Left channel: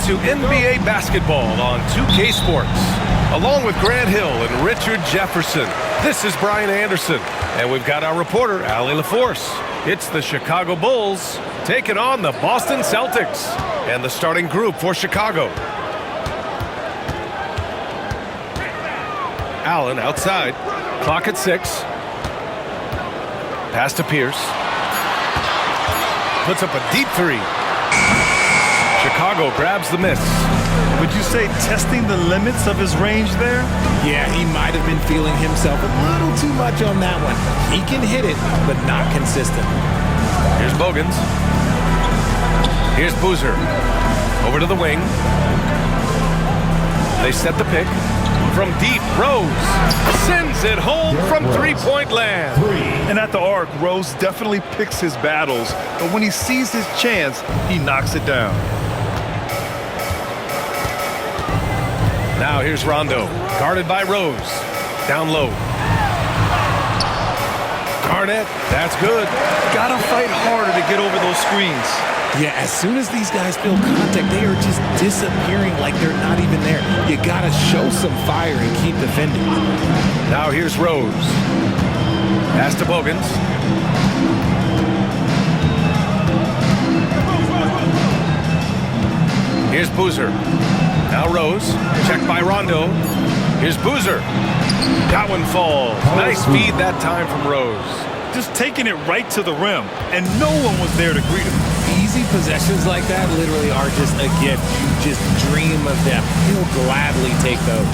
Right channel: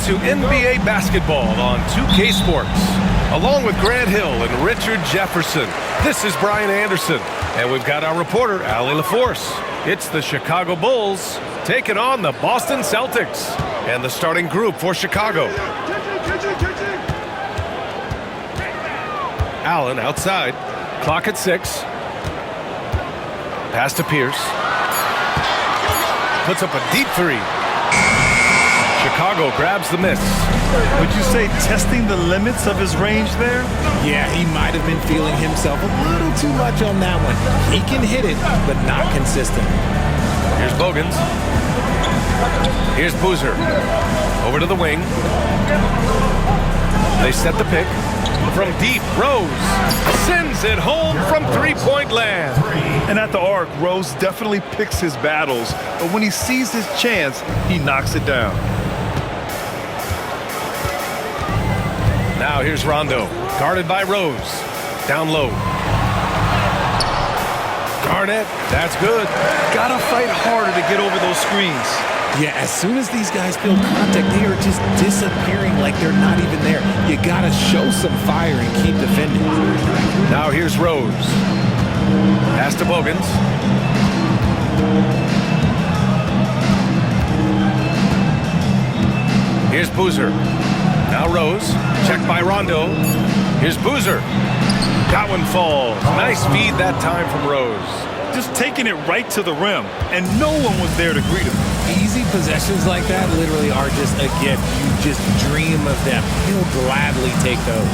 to NBA basketball on 2K Sports. Along with Grant Hill and Richard Jefferson, this is Brian Anderson. And we've got our reporter, Allie LaForce. It's the Chicago Bulls taking on the Boston Celtics. And the starting group for Chicago. Allen outside. Clock at 6. Pass to Pierce. Puts up a deep three. Chicago grabs the miss. Would you say testing the limits of his range there? Yeah, he might have been feeling himself a little too much on that one. He can hit it, but not consistent. Here's Bogans. Here's Boozer. Over to the wing. They set the pick. From deep, Rose sends it home from three-point land. And at the arc, Rose definitely picks his battles, but when he sees his chance, he knocks it down. Now here's Rondo, guarded by Rose. Down low. Garnett, that's good. Gotta fight harder to get over those screens. Yeah, as soon as these guys feel contact, they are just disappearing like they're not even there. You gotta show some fire and keep defending. Now here's Rose. Pass to Bogans. Here's Boozer. Now Rose, checked by Rondo. Here's Boozer. That one falls. Nice feed that time from Rose. Just taking it right to the rim, and no one was there to greet him. Easy possessions like that literally are just a gift. You just dream of them. He'll gladly take those.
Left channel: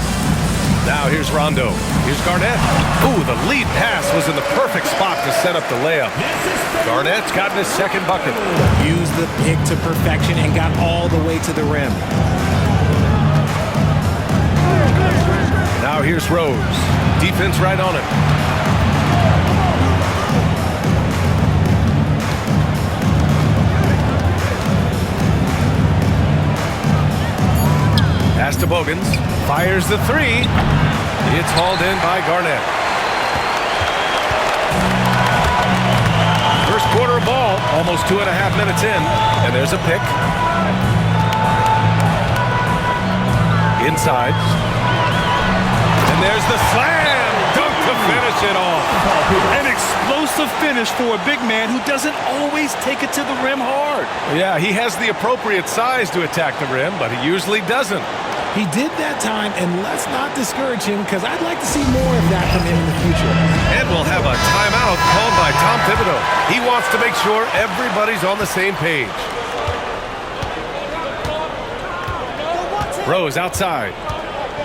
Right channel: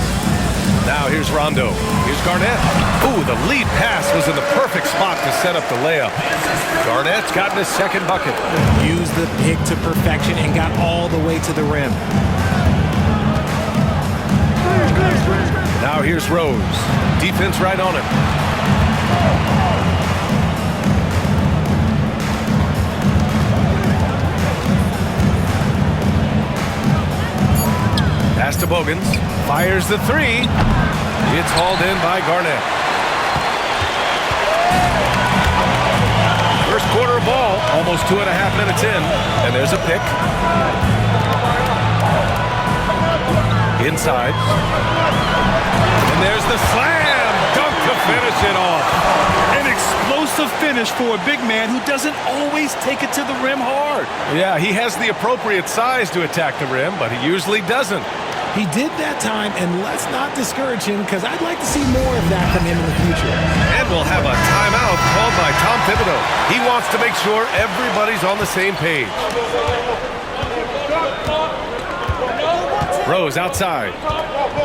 Now here's Rondo. Here's Garnett. Ooh, the lead pass was in the perfect spot to set up the layup. Garnett's gotten his second bucket. Used the pick to perfection and got all the way to the rim. Now here's Rose. Defense right on him. Pass to Bogans. Fires the three. It's hauled in by Garnett. First quarter of ball, almost 2.5 minutes in. And there's a pick. Inside. And there's the slam dunk to finish it off. An explosive finish for a big man who doesn't always take it to the rim hard. Yeah, he has the appropriate size to attack the rim, but he usually doesn't. He did that time, and let's not discourage him because I'd like to see more of that from him in the future. And we'll have a timeout called by Tom Thibodeau. He wants to make sure everybody's on the same page. Rose outside.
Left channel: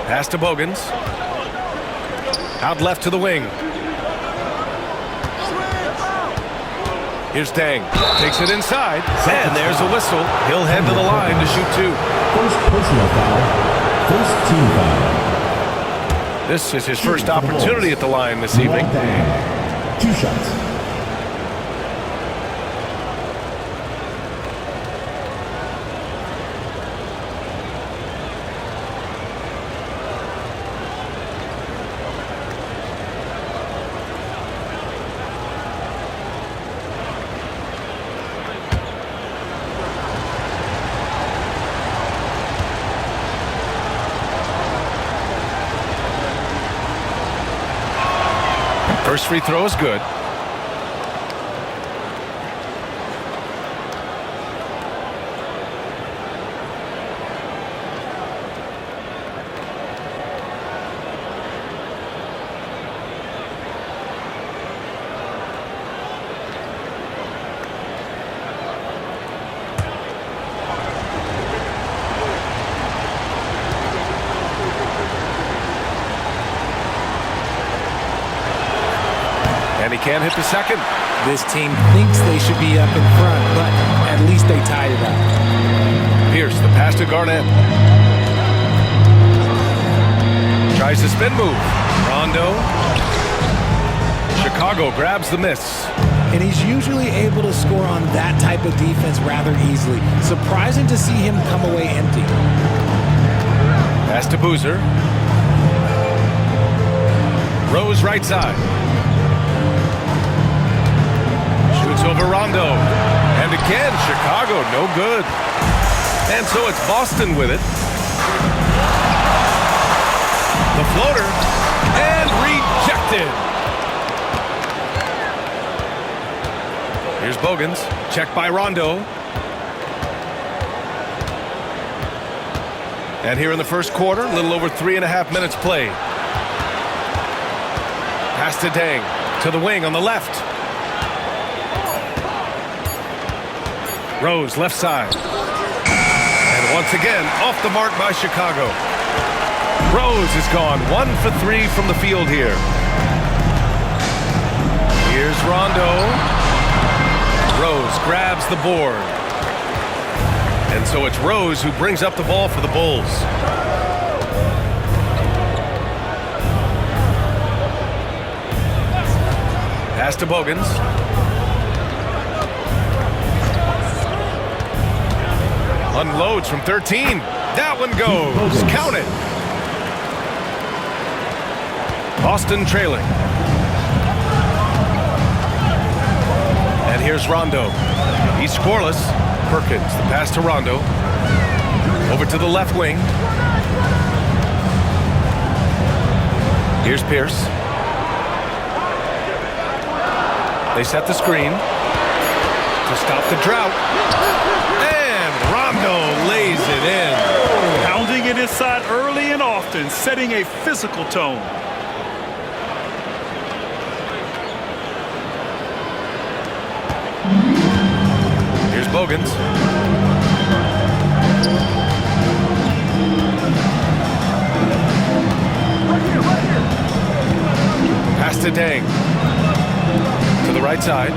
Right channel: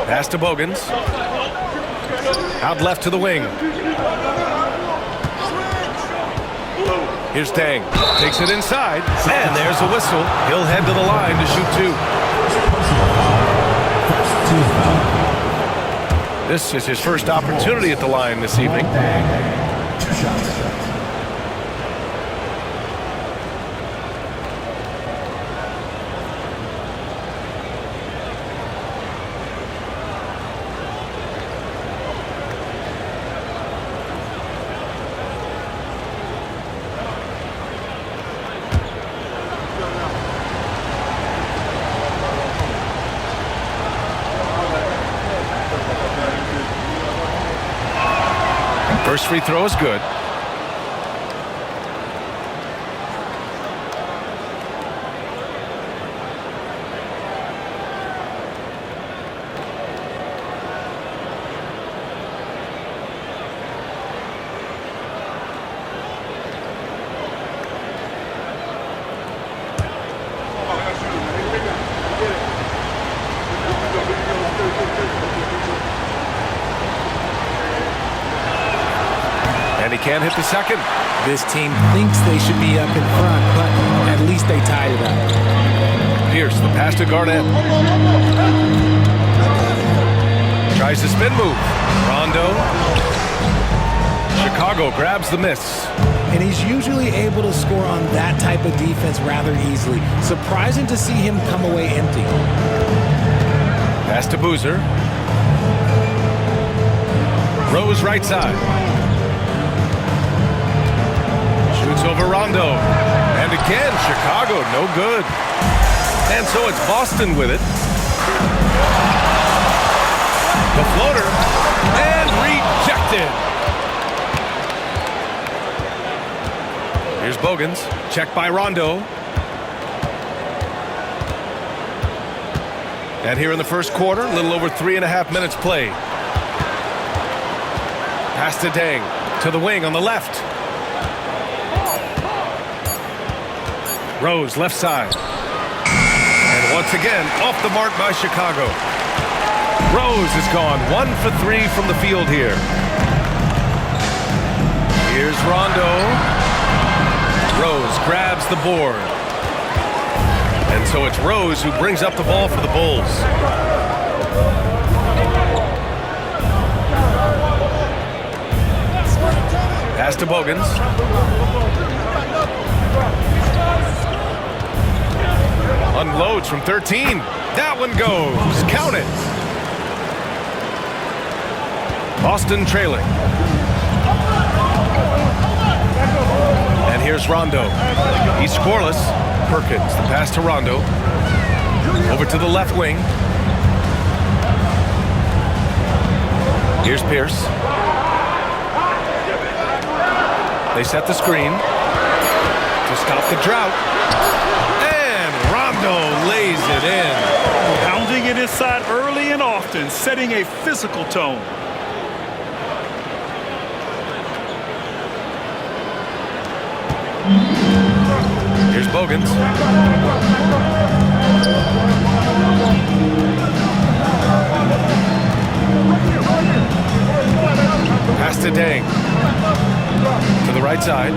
Pass to Bogans. Out left to the wing. Here's Tang. Takes it inside. And there's a whistle. He'll head to the line to shoot two. This is his first opportunity at the line this evening. 2 shots. First free throw is good. And he can't hit the second. This team thinks they should be up in front, but at least they tied it up. Pierce, the pass to Garnett. Tries the spin move. Rondo. Chicago grabs the miss. And he's usually able to score on that type of defense rather easily. Surprising to see him come away empty. Pass to Boozer. Rose right side. Shoots over Rondo. And again, Chicago no good. And so it's Boston with it. The floater. And rejected. Here's Bogans. Checked by Rondo. And here in the first quarter, a little over 3.5 minutes played. Pass to Deng. To the wing on the left. Rose, left side. And once again, off the mark by Chicago. Rose is gone 1 for 3 from the field here. Here's Rondo. Rose grabs the board. And so it's Rose who brings up the ball for the Bulls. Pass to Bogans. Unloads from 13. That one goes. Count it. Boston trailing. And here's Rondo. He's scoreless. Perkins, the pass to Rondo. Over to the left wing. Here's Pierce. They set the screen to stop the drought. And Rondo lays it in. Pounding it inside early and often, setting a physical tone. Here's Bogans. Pass to Deng. To the right side.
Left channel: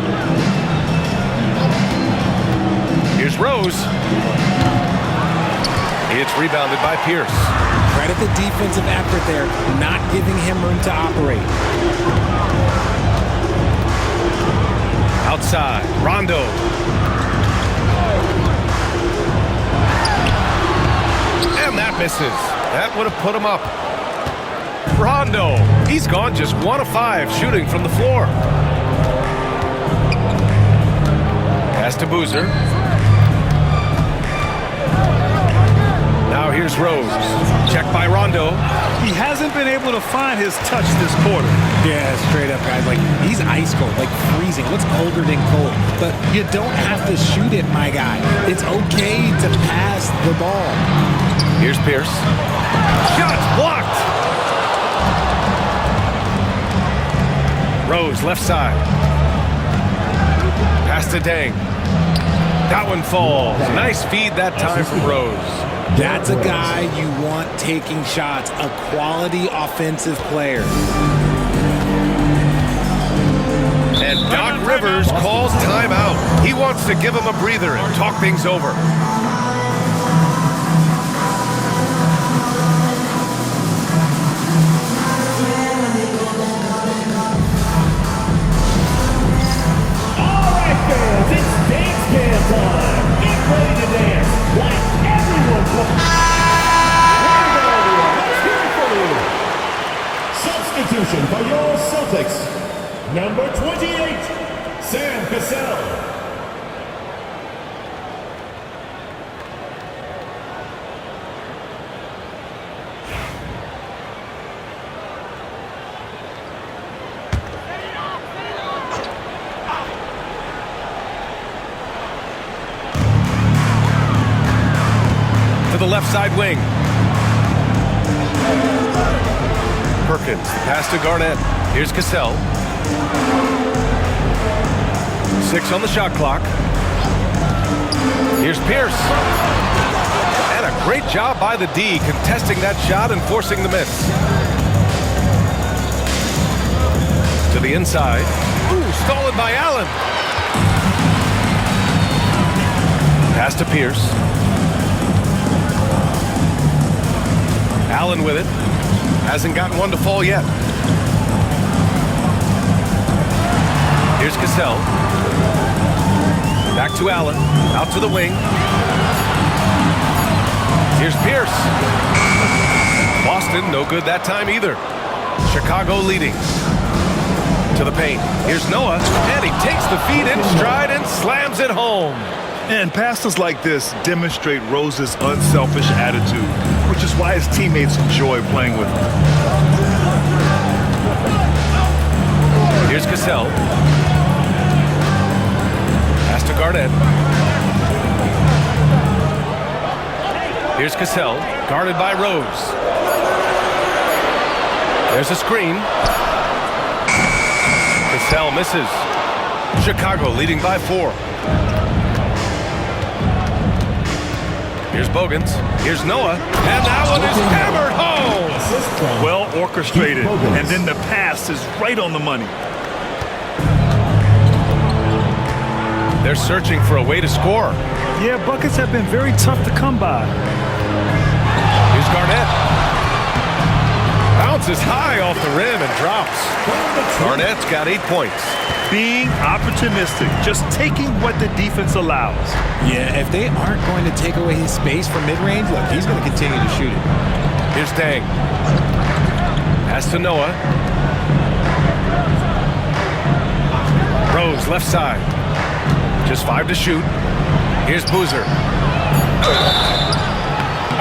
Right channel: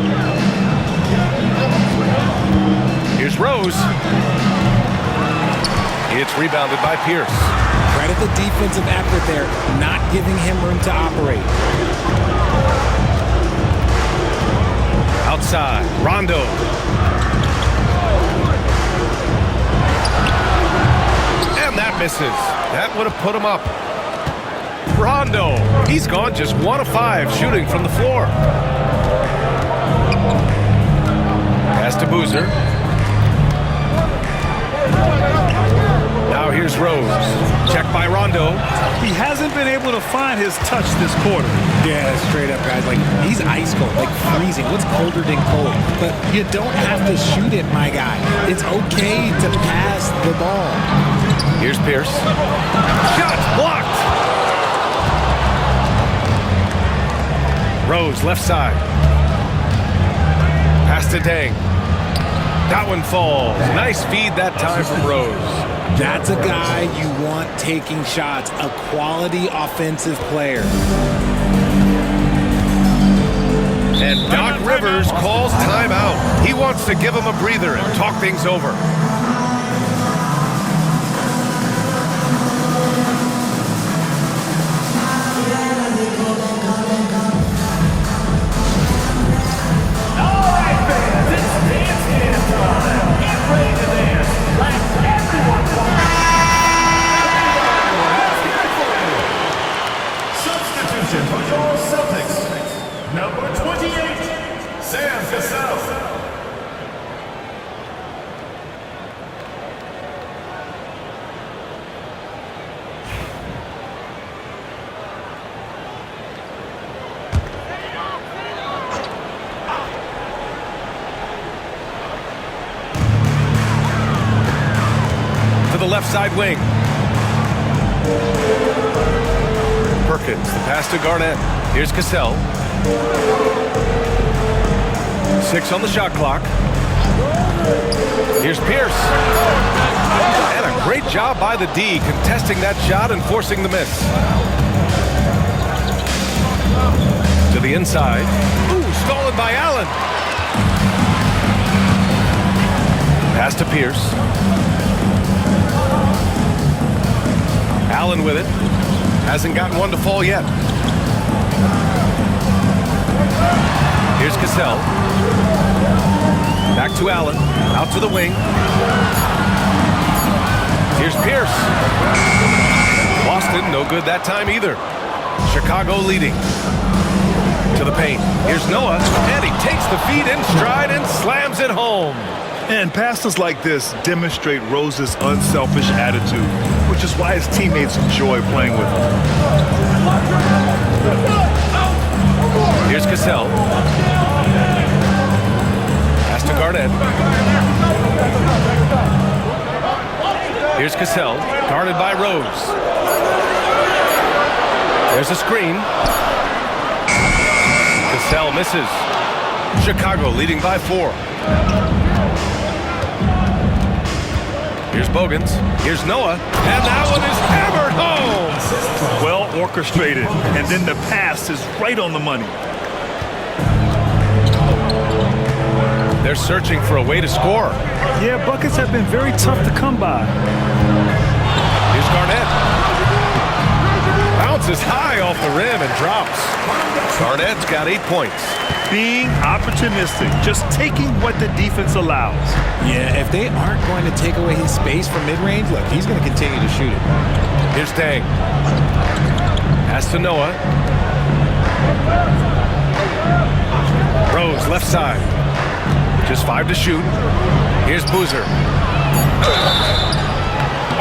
Here's Rose. It's rebounded by Pierce. Credit the defensive effort there, not giving him room to operate. Outside, Rondo. And that misses. That would have put him up. Rondo, he's gone just 1 of 5 shooting from the floor. Pass to Boozer. Now here's Rose. Checked by Rondo. He hasn't been able to find his touch this quarter. Yeah, straight up, guys. Like, he's ice cold, like freezing. What's colder than cold? But you don't have to shoot it, my guy. It's okay to pass the ball. Here's Pierce. Shots blocked. Rose, left side. Pass to Deng. That one falls. Nice feed that time from Rose. That's a guy you want taking shots, a quality offensive player. And Doc Rivers calls timeout. He wants to give him a breather and talk things over. For your Celtics, number 28, Sam Cassell. To the left side wing. Perkins, the pass to Garnett. Here's Cassell. 6 on the shot clock. Here's Pierce. And a great job by the D contesting that shot and forcing the miss. To the inside. Ooh, stolen by Allen. Pass to Pierce. Allen with it. Hasn't gotten one to fall yet. Here's Cassell. Back to Allen. Out to the wing. Here's Pierce. Boston, no good that time either. Chicago leading. To the paint. Here's Noah. And he takes the feed in stride and slams it home. And passes like this demonstrate Rose's unselfish attitude, which is why his teammates enjoy playing with him. Here's Cassell. Pass to Garnett. Here's Cassell, guarded by Rose. There's a screen. Cassell misses. Chicago leading by 4. Here's Bogans. Here's Noah. And that one is hammered home. Well orchestrated. And then the pass is right on the money. They're searching for a way to score. Yeah, buckets have been very tough to come by. Here's Garnett. Bounces high off the rim and drops. Garnett's got 8 points. Being opportunistic, just taking what the defense allows. Yeah, if they aren't going to take away his space from mid-range, look, he's going to continue to shoot it. Here's Dang. Pass to Noah. Rose, left side. Just 5 to shoot. Here's Boozer.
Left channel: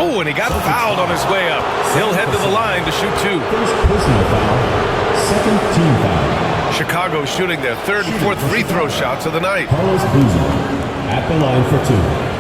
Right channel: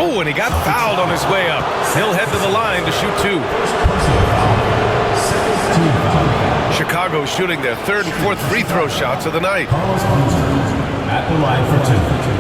Oh, and he got fouled on his way up. He'll head to the line to shoot 2. First personal foul. Second team foul. Chicago shooting their 3rd and 4th free throw shots of the night. Carlos Boozer at the line for 2.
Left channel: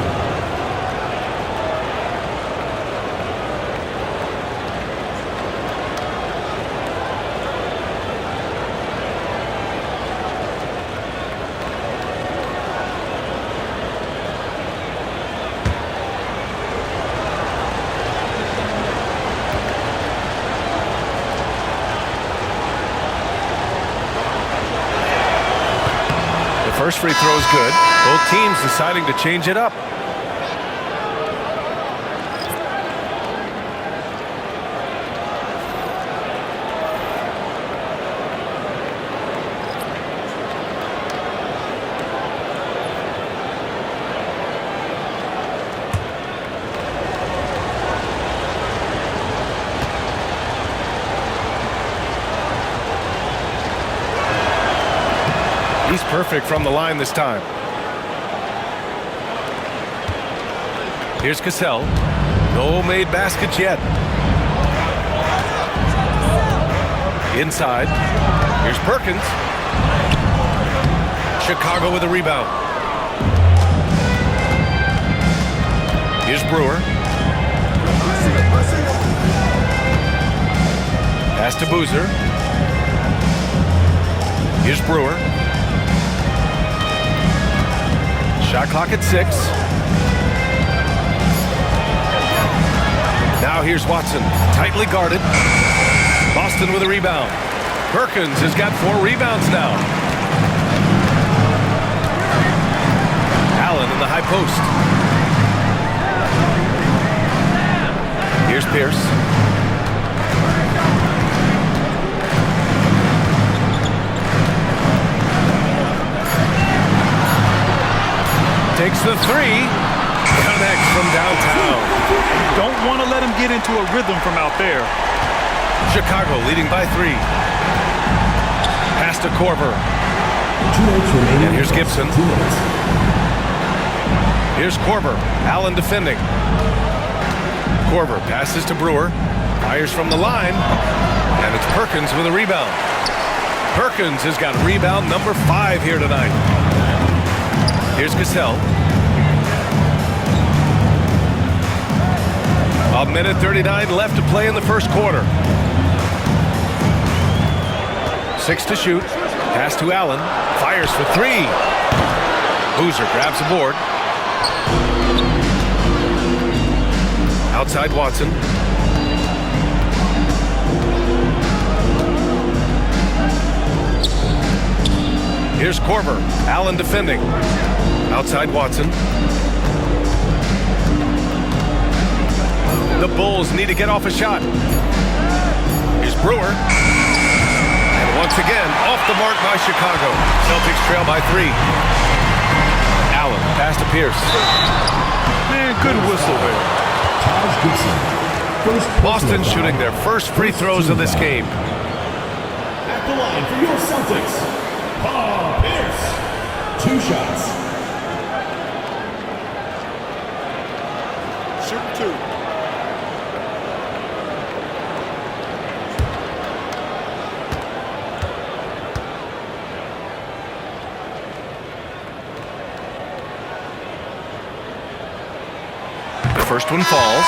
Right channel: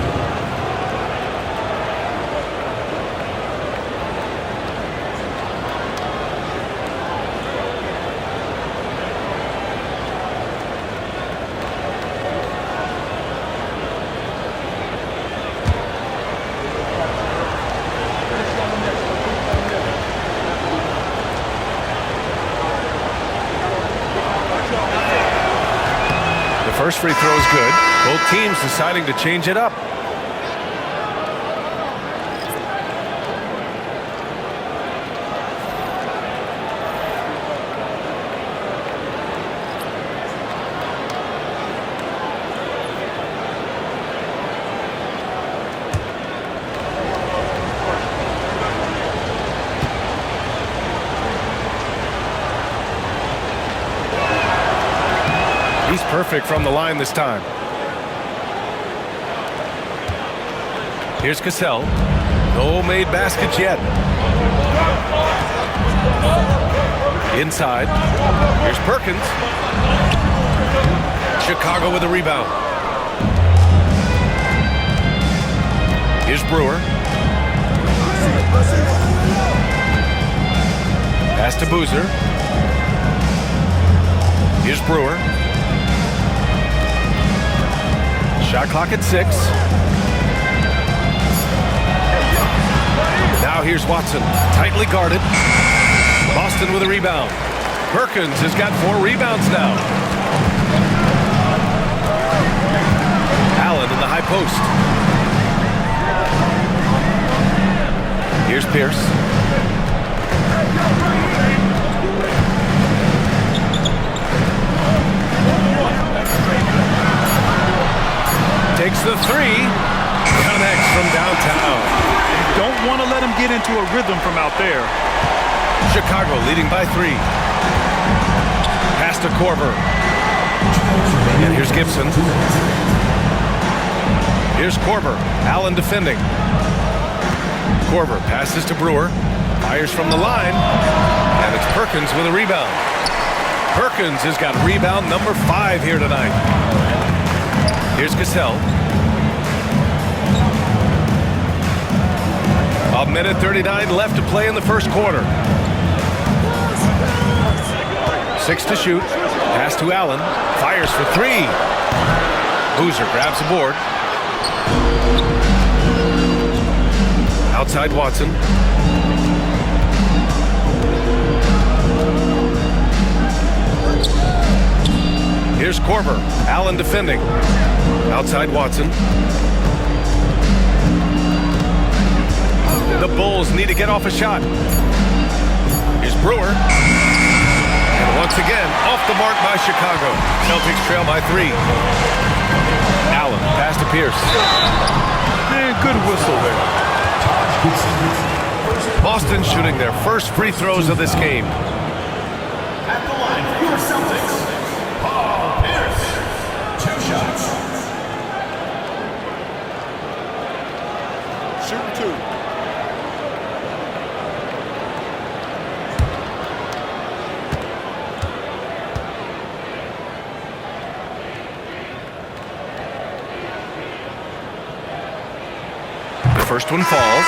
First free throw is good. Both teams deciding to change it up. He's perfect from the line this time. Here's Cassell. No made baskets yet. Inside. Here's Perkins. Chicago with a rebound. Here's Brewer. Pass to Boozer. Here's Brewer. Shot clock at 6. Now here's Watson, tightly guarded. Boston with a rebound. Perkins has got 4 rebounds now. Allen in the high post. Here's Pierce. Takes the 3. Connects from downtown. Don't want to let him get into a rhythm from out there. Chicago leading by 3. Pass to Korver. And here's Gibson. Here's Korver. Allen defending. Korver passes to Brewer. Fires from the line. And it's Perkins with a rebound. Perkins has got rebound number 5 here tonight. Here's Cassell. A minute 39 left to play in the first quarter. 6 to shoot. Pass to Allen. Fires for 3. Boozer grabs the board. Outside Watson. Here's Korver. Allen defending. Outside Watson. The Bulls need to get off a shot. Here's Brewer. And once again, off the mark by Chicago. Celtics trail by 3. Allen, pass to Pierce. Man, good whistle there. Boston shooting their first free throws of this game. At the line for your Celtics, Paul Pierce. 2 shots. shooting 2. The first one falls.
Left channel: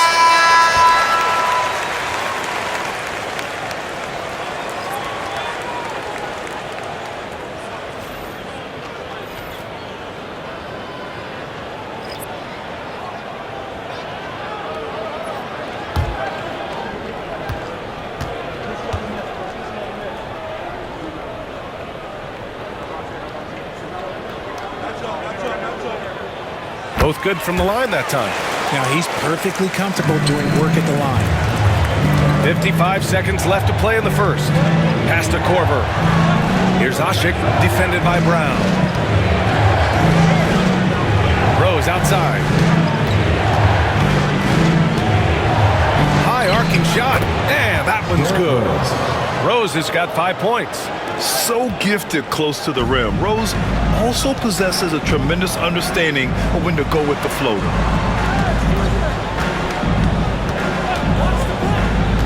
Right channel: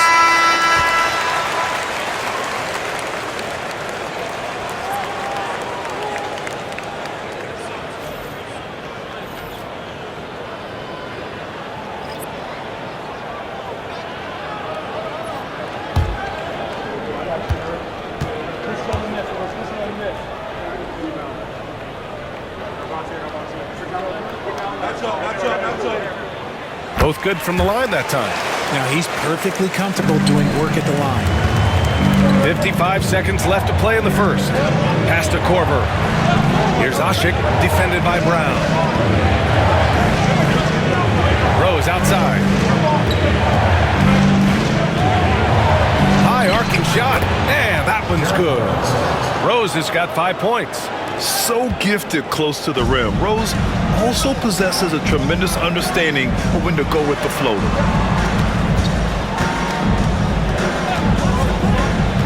Both good from the line that time. Now he's perfectly comfortable doing work at the line. 55 seconds left to play in the first. Pass to Korver. Here's Ashik, defended by Brown. Rose outside. High arcing shot. And that one's good. Rose has got 5 points. So gifted close to the rim. Rose also possesses a tremendous understanding of when to go with the floater.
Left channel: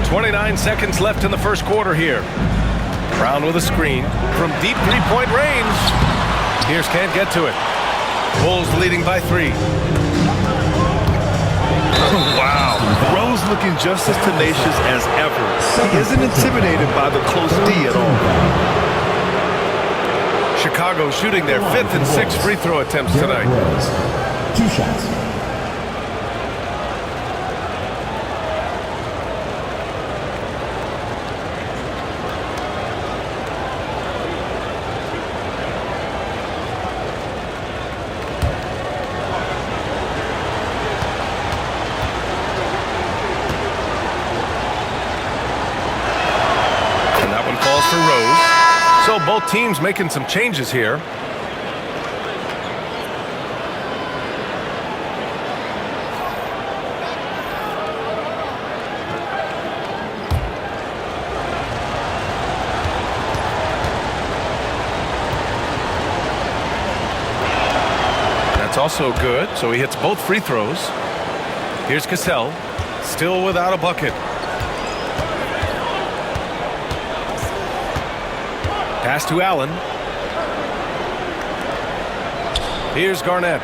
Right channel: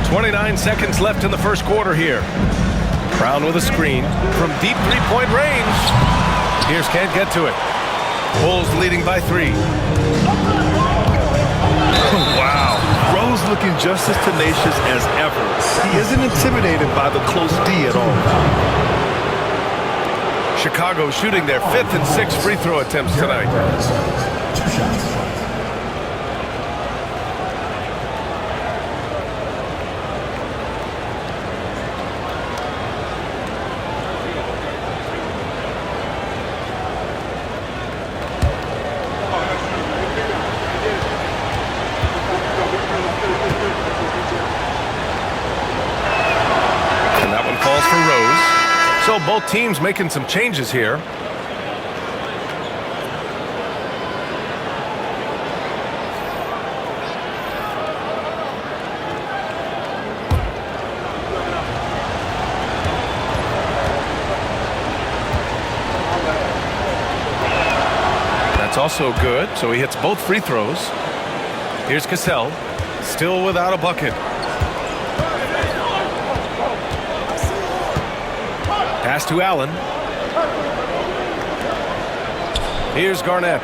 29 seconds left in the first quarter here. Brown with a screen from deep three-point range. Pierce can't get to it. Bulls leading by 3. Wow. Rose looking just as tenacious as ever. He isn't intimidated by the close D at all. Chicago shooting their 5th and 6th free throw attempts tonight. 2 shots. And that one falls for Rose. So both teams making some changes here. That's also good. So he hits both free throws. Here's Cassell, still without a bucket. Pass to Allen. Here's Garnett.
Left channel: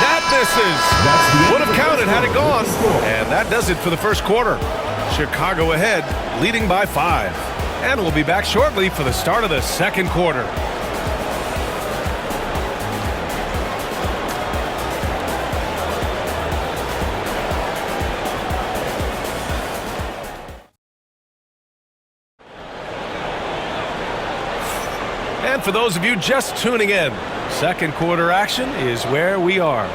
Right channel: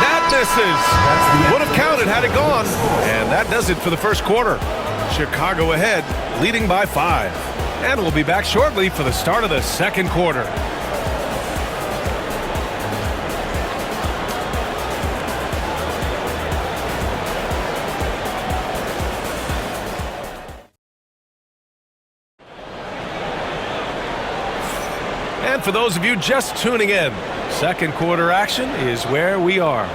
That misses. Would have counted had it gone. And that does it for the first quarter. Chicago ahead, leading by 5. And we'll be back shortly for the start of the second quarter. And for those of you just tuning in, second quarter action is where we are.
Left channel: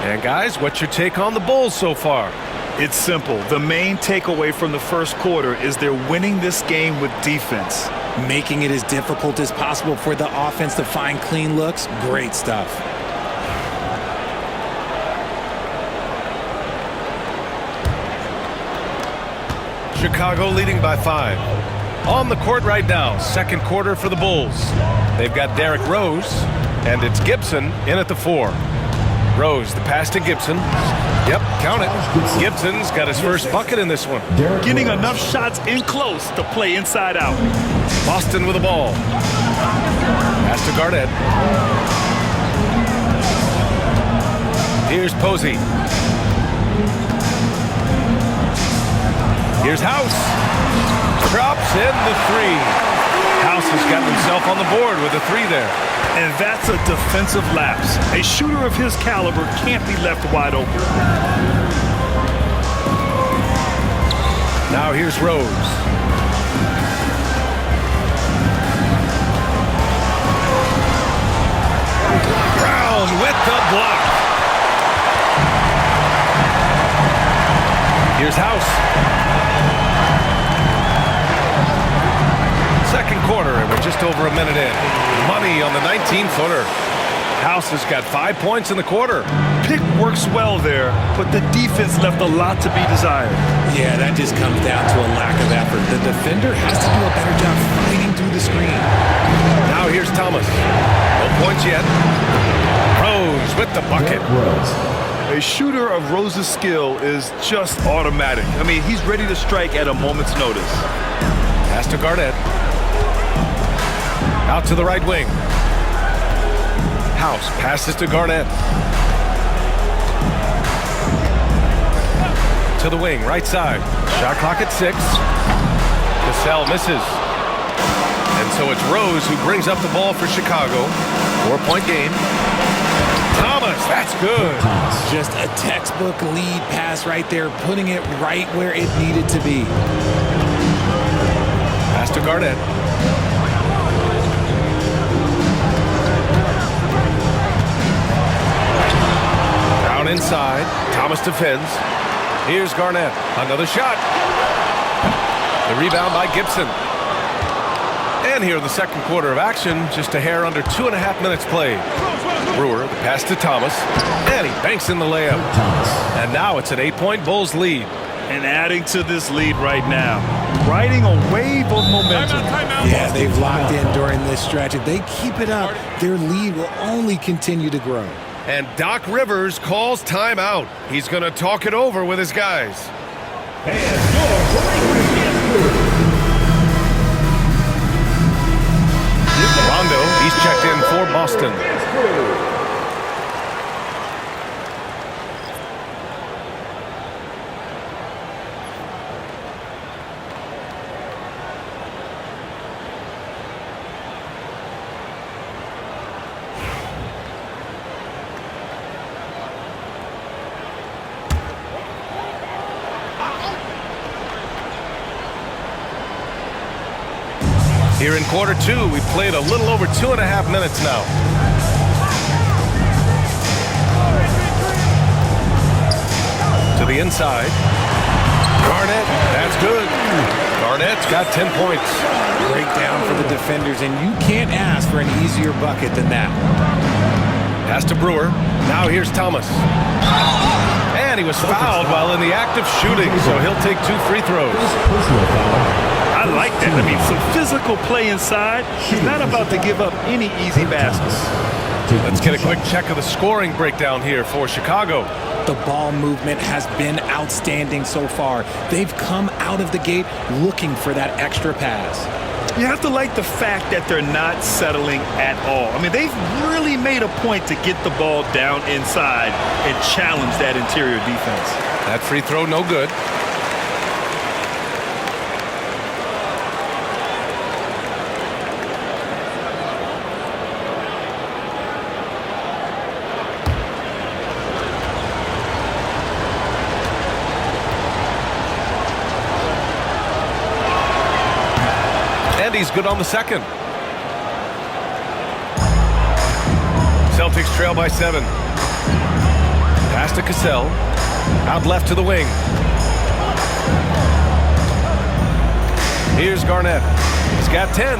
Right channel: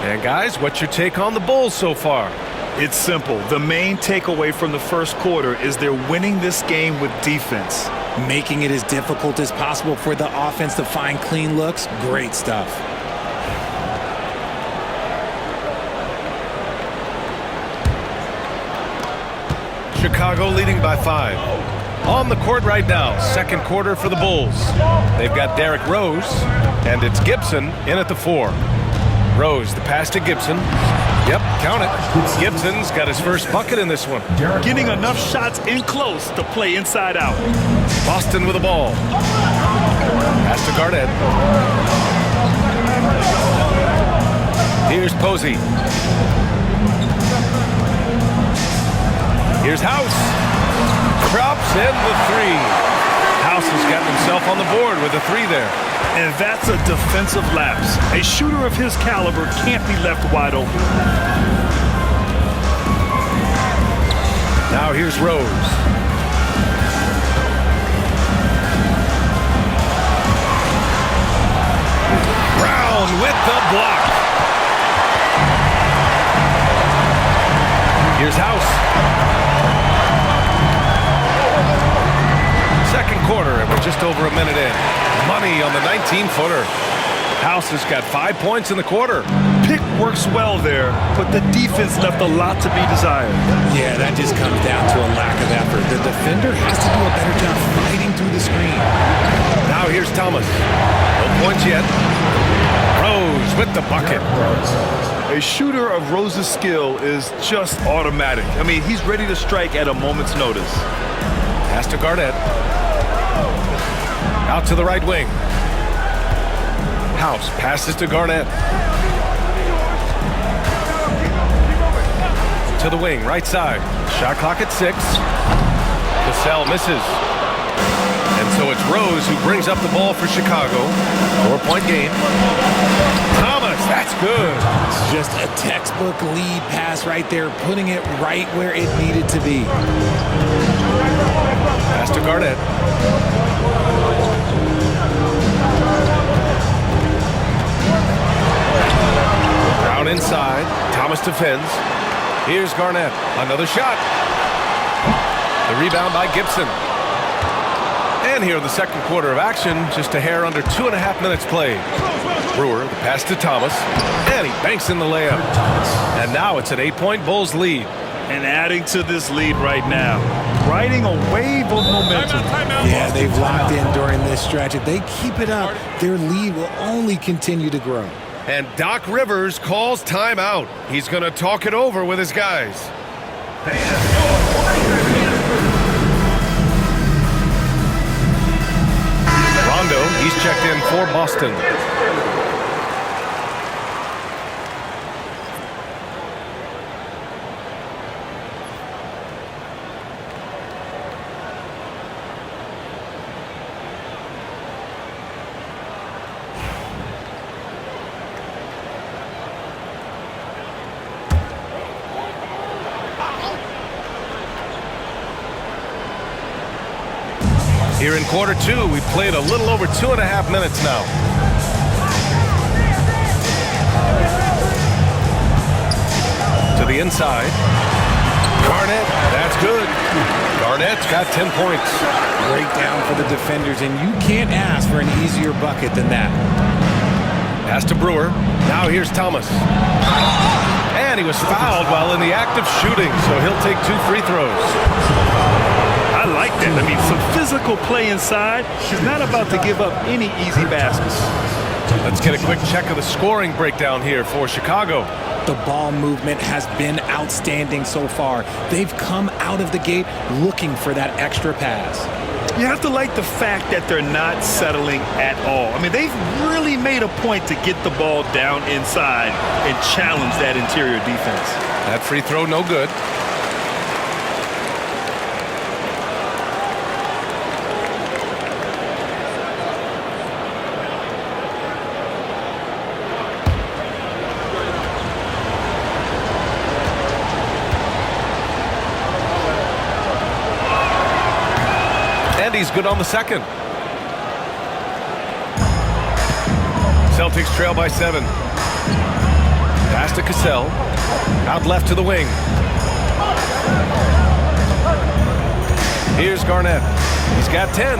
And guys, what's your take on the Bulls so far? It's simple. The main takeaway from the first quarter is they're winning this game with defense. Making it as difficult as possible for the offense to find clean looks. Great stuff. Chicago leading by 5. On the court right now, second quarter for the Bulls. They've got Derrick Rose, and it's Gibson in at the 4. Rose, the pass to Gibson. Yep, count it. Gibson's got his first bucket in this one. Getting enough shots in close to play inside out. Boston with the ball. Pass to Garnett. Here's Posey. Here's House. Drops in the 3. House has gotten himself on the board with a 3 there. And that's a defensive lapse. A shooter of his caliber can't be left wide open. Now here's Rose. Brown with the block. Here's House. Second quarter, and we're just over a minute in. Money on the 19-footer. House has got 5 points in the quarter. Pick works well there, but the defense left a lot to be desired. Yeah, that just comes down to a lack of effort. The defender has to do a better job fighting through the screen. Now here's Thomas. No points yet. Rose with the bucket. A shooter of Rose's skill is just automatic. I mean, he's ready to strike at a moment's notice. Pass to Garnett. Out to the right wing. House passes to Garnett. To the wing, right side. Shot clock at 6. Cassell misses. And so it's Rose who brings up the ball for Chicago. 4-point game. Thomas, that's good. Just a textbook lead pass right there, putting it right where it needed to be. Pass to Garnett. Down inside. Thomas defends. Here's Garnett. Another shot. The rebound by Gibson. And here in the second quarter of action, just a hair under 2.5 minutes played. Brewer, the pass to Thomas. And he banks in the layup. And now it's an 8-point Bulls lead. And adding to this lead right now, riding a wave of momentum. Yeah, they've locked in during this stretch. If they keep it up, their lead will only continue to grow. And Doc Rivers calls timeout. He's going to talk it over with his guys. Rondo, he's checked in for Boston. Here in quarter 2, we've played a little over 2.5 minutes now. To the inside. Garnett, that's good. Garnett's got 10 points. Breakdown for the defenders, and you can't ask for an easier bucket than that. Pass to Brewer. Now here's Thomas. And he was fouled while in the act of shooting, so he'll take 2 free throws. I like that. I mean, some physical play inside. He's not about to give up any easy baskets. Let's get a quick check of the scoring breakdown here for Chicago. The ball movement has been outstanding so far. They've come out of the gate looking for that extra pass. You have to like the fact that they're not settling at all. I mean, they've really made a point to get the ball down inside and challenge that interior defense. That free throw, no good. And he's good on the second. Celtics trail by 7. Pass to Cassell. Out left to the wing. Here's Garnett. He's got 10.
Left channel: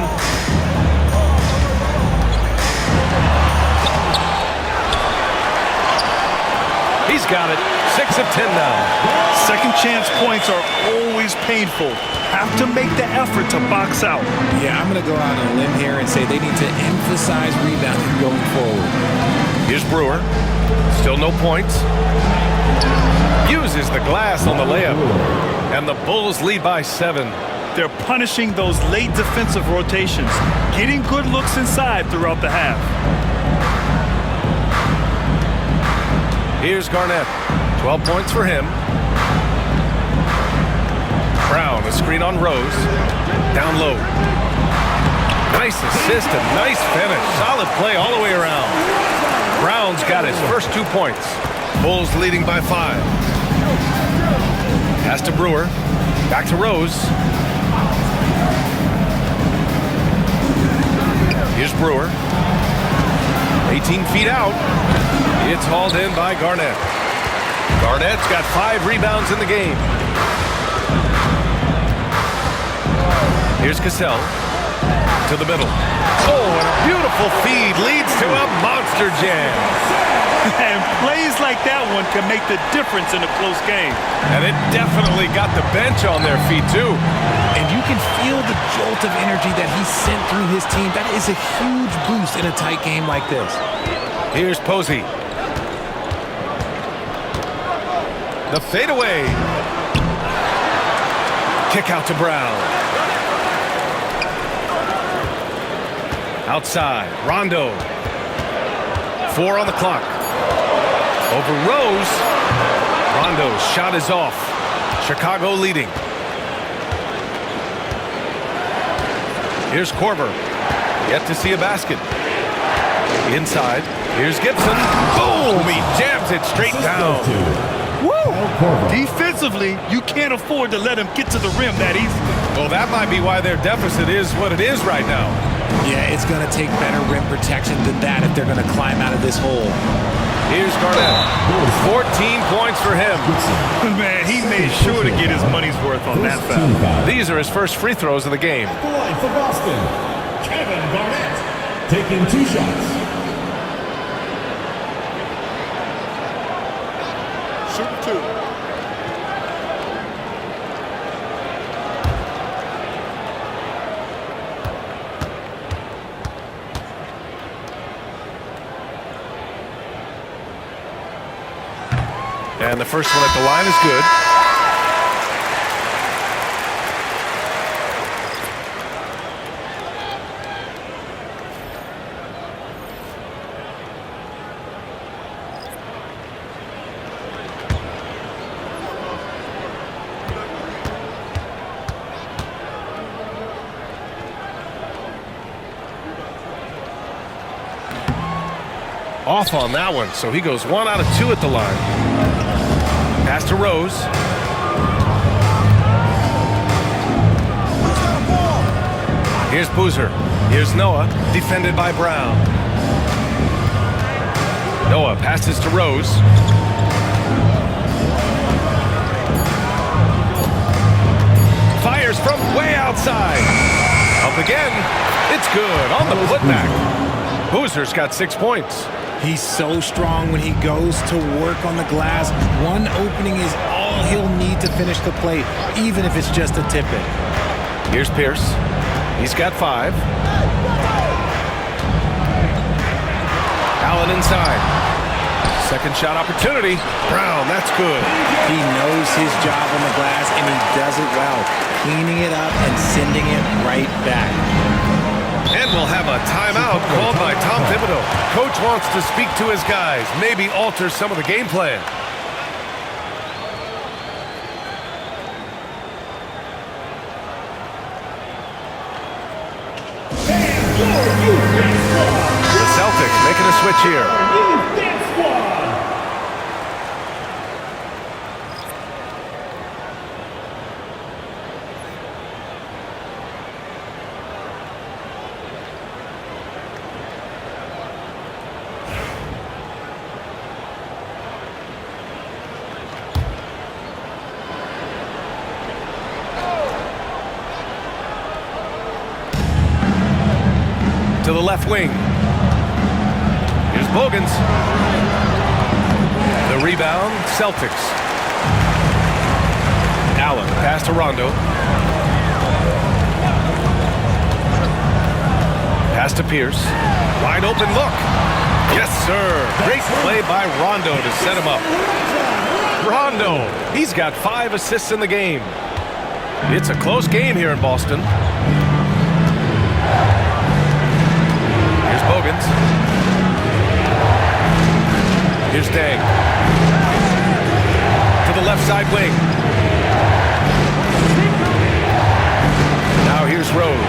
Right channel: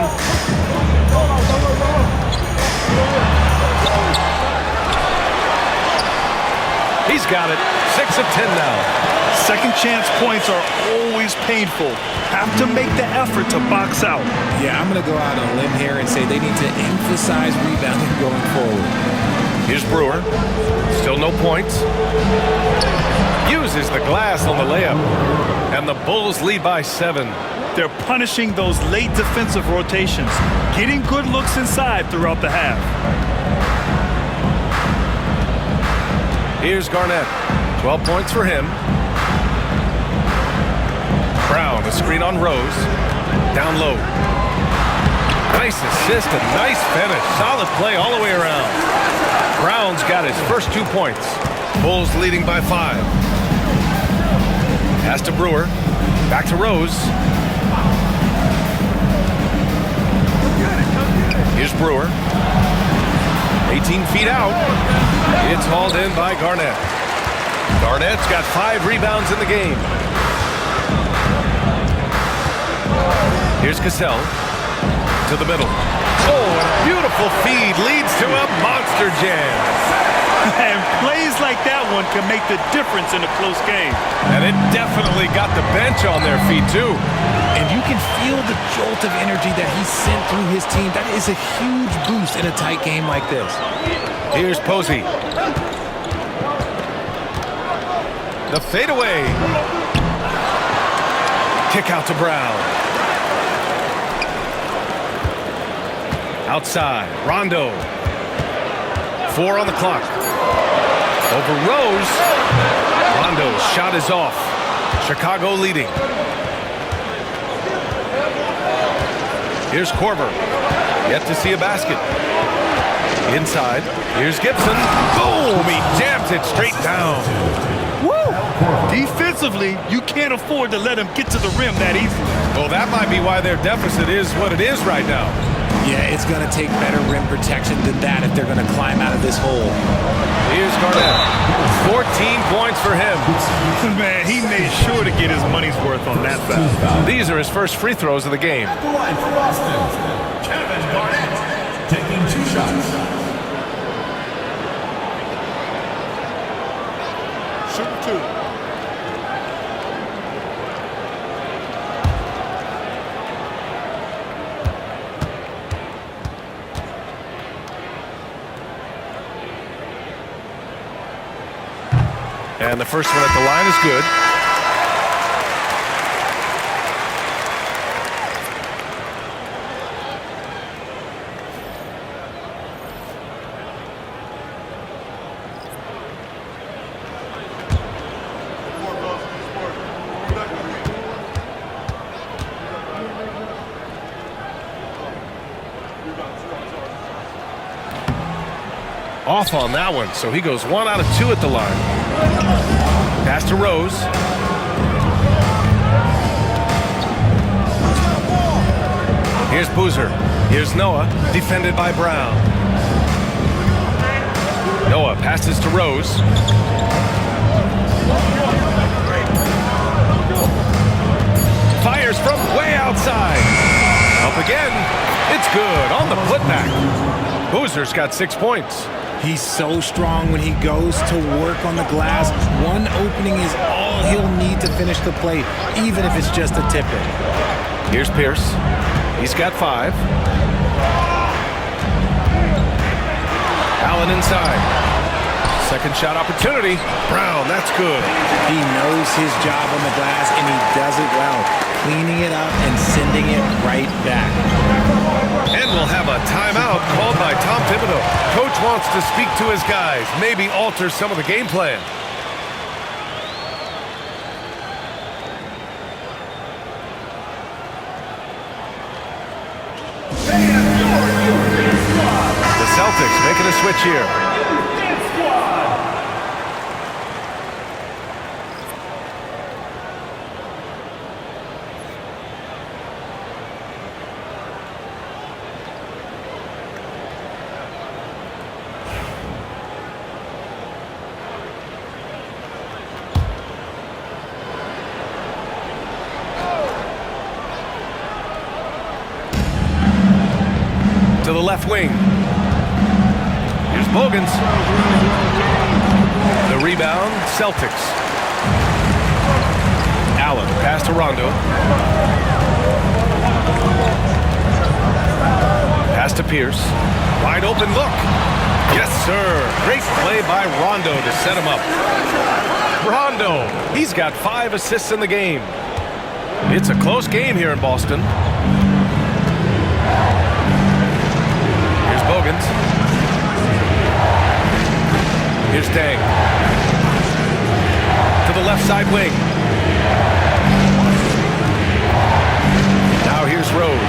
He's got it. 6 of 10 now. Second chance points are always painful. Have to make the effort to box out. Yeah, I'm going to go out on a limb here and say they need to emphasize rebounding going forward. Here's Brewer. Still no points. Uses the glass on the layup. And the Bulls lead by 7. They're punishing those late defensive rotations, getting good looks inside throughout the half. Here's Garnett. 12 points for him. Brown, a screen on Rose. Down low. Nice assist and nice finish. Solid play all the way around. Brown's got his first 2 points. Bulls leading by 5. Pass to Brewer. Back to Rose. Here's Brewer. 18 feet out. It's hauled in by Garnett. Garnett's got 5 rebounds in the game. Here's Cassell to the middle. Oh, and a beautiful feed leads to a monster jam. And plays like that one can make the difference in a close game. And it definitely got the bench on their feet, too. And you can feel the jolt of energy that he sent through his team. That is a huge boost in a tight game like this. Here's Posey. The fadeaway. Kick out to Brown. Outside, Rondo. 4 on the clock. Over Rose. Rondo's shot is off. Chicago leading. Here's Korver. Yet to see a basket. Inside. Here's Gibson. Boom! He jams it straight down. Woo! Defensively, you can't afford to let him get to the rim that easily. Well, that might be why their deficit is what it is right now. Yeah, it's going to take better rim protection than that if they're going to climb out of this hole. Here's Garnett. 14 points for him. Man, he made sure to get his money's worth on that foul. These are his first free throws of the game. At the line for Boston, Kevin Garnett, taking 2 shots. Shoot 2. And the first one at the line is good. Off on that one, so he goes 1 out of 2 at the line. Pass to Rose. Here's Boozer. Here's Noah, defended by Brown. Noah passes to Rose. Fires from way outside. Up again. It's good on the putback. Boozer's got 6 points. He's so strong when he goes to work on the glass. One opening is all he'll need to finish the play, even if it's just a tip-in. Here's Pierce. He's got 5. Allen inside. Second shot opportunity. Brown, that's good. He knows his job on the glass, and he does it well, cleaning it up and sending it right back. And we'll have a timeout called by Tom Thibodeau. Coach wants to speak to his guys, maybe alter some of the game plan. The Celtics making a switch here. To the left wing. Here's Bogans. The rebound, Celtics. Allen, pass to Rondo. Pass to Pierce. Wide open look. Yes, sir. Great play by Rondo to set him up. Rondo, he's got 5 assists in the game. It's a close game here in Boston. Here's Bogans. Here's Dang. To the left side wing. Now here's Rose.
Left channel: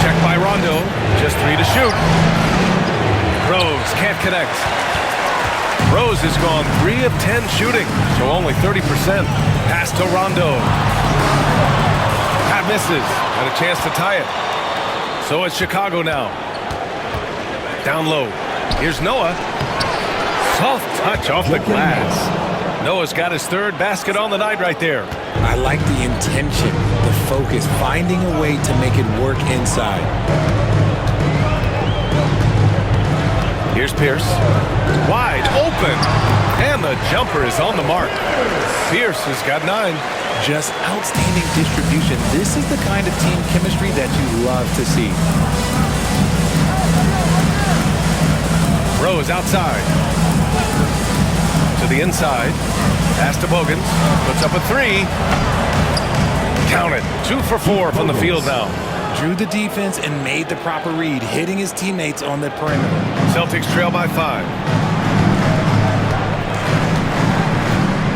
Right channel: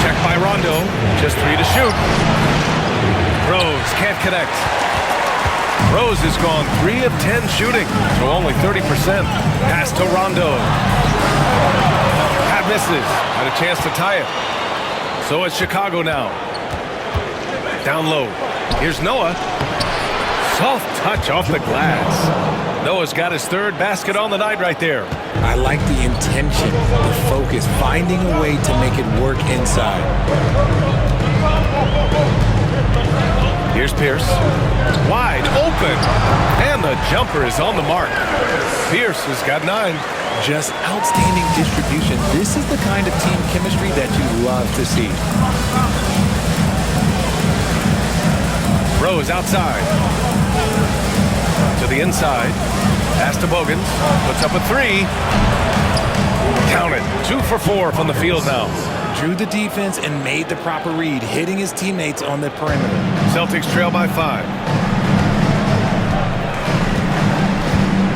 Checked by Rondo. Just 3 to shoot. Rose can't connect. Rose has gone 3 of 10 shooting, so only 30%. Pass to Rondo. Pat misses. Had a chance to tie it. So it's Chicago now. Down low. Here's Noah. Soft touch off the glass. Noah's got his 3rd basket on the night right there. I like the intention, the focus, finding a way to make it work inside. Here's Pierce. Wide open. And the jumper is on the mark. Pierce has got 9. Just outstanding distribution. This is the kind of team chemistry that you love to see. Rose outside. To the inside. Pass to Bogans. Puts up a 3. Count it. 2 for 4 from the field now. Drew the defense and made the proper read, hitting his teammates on the perimeter. Celtics trail by 5.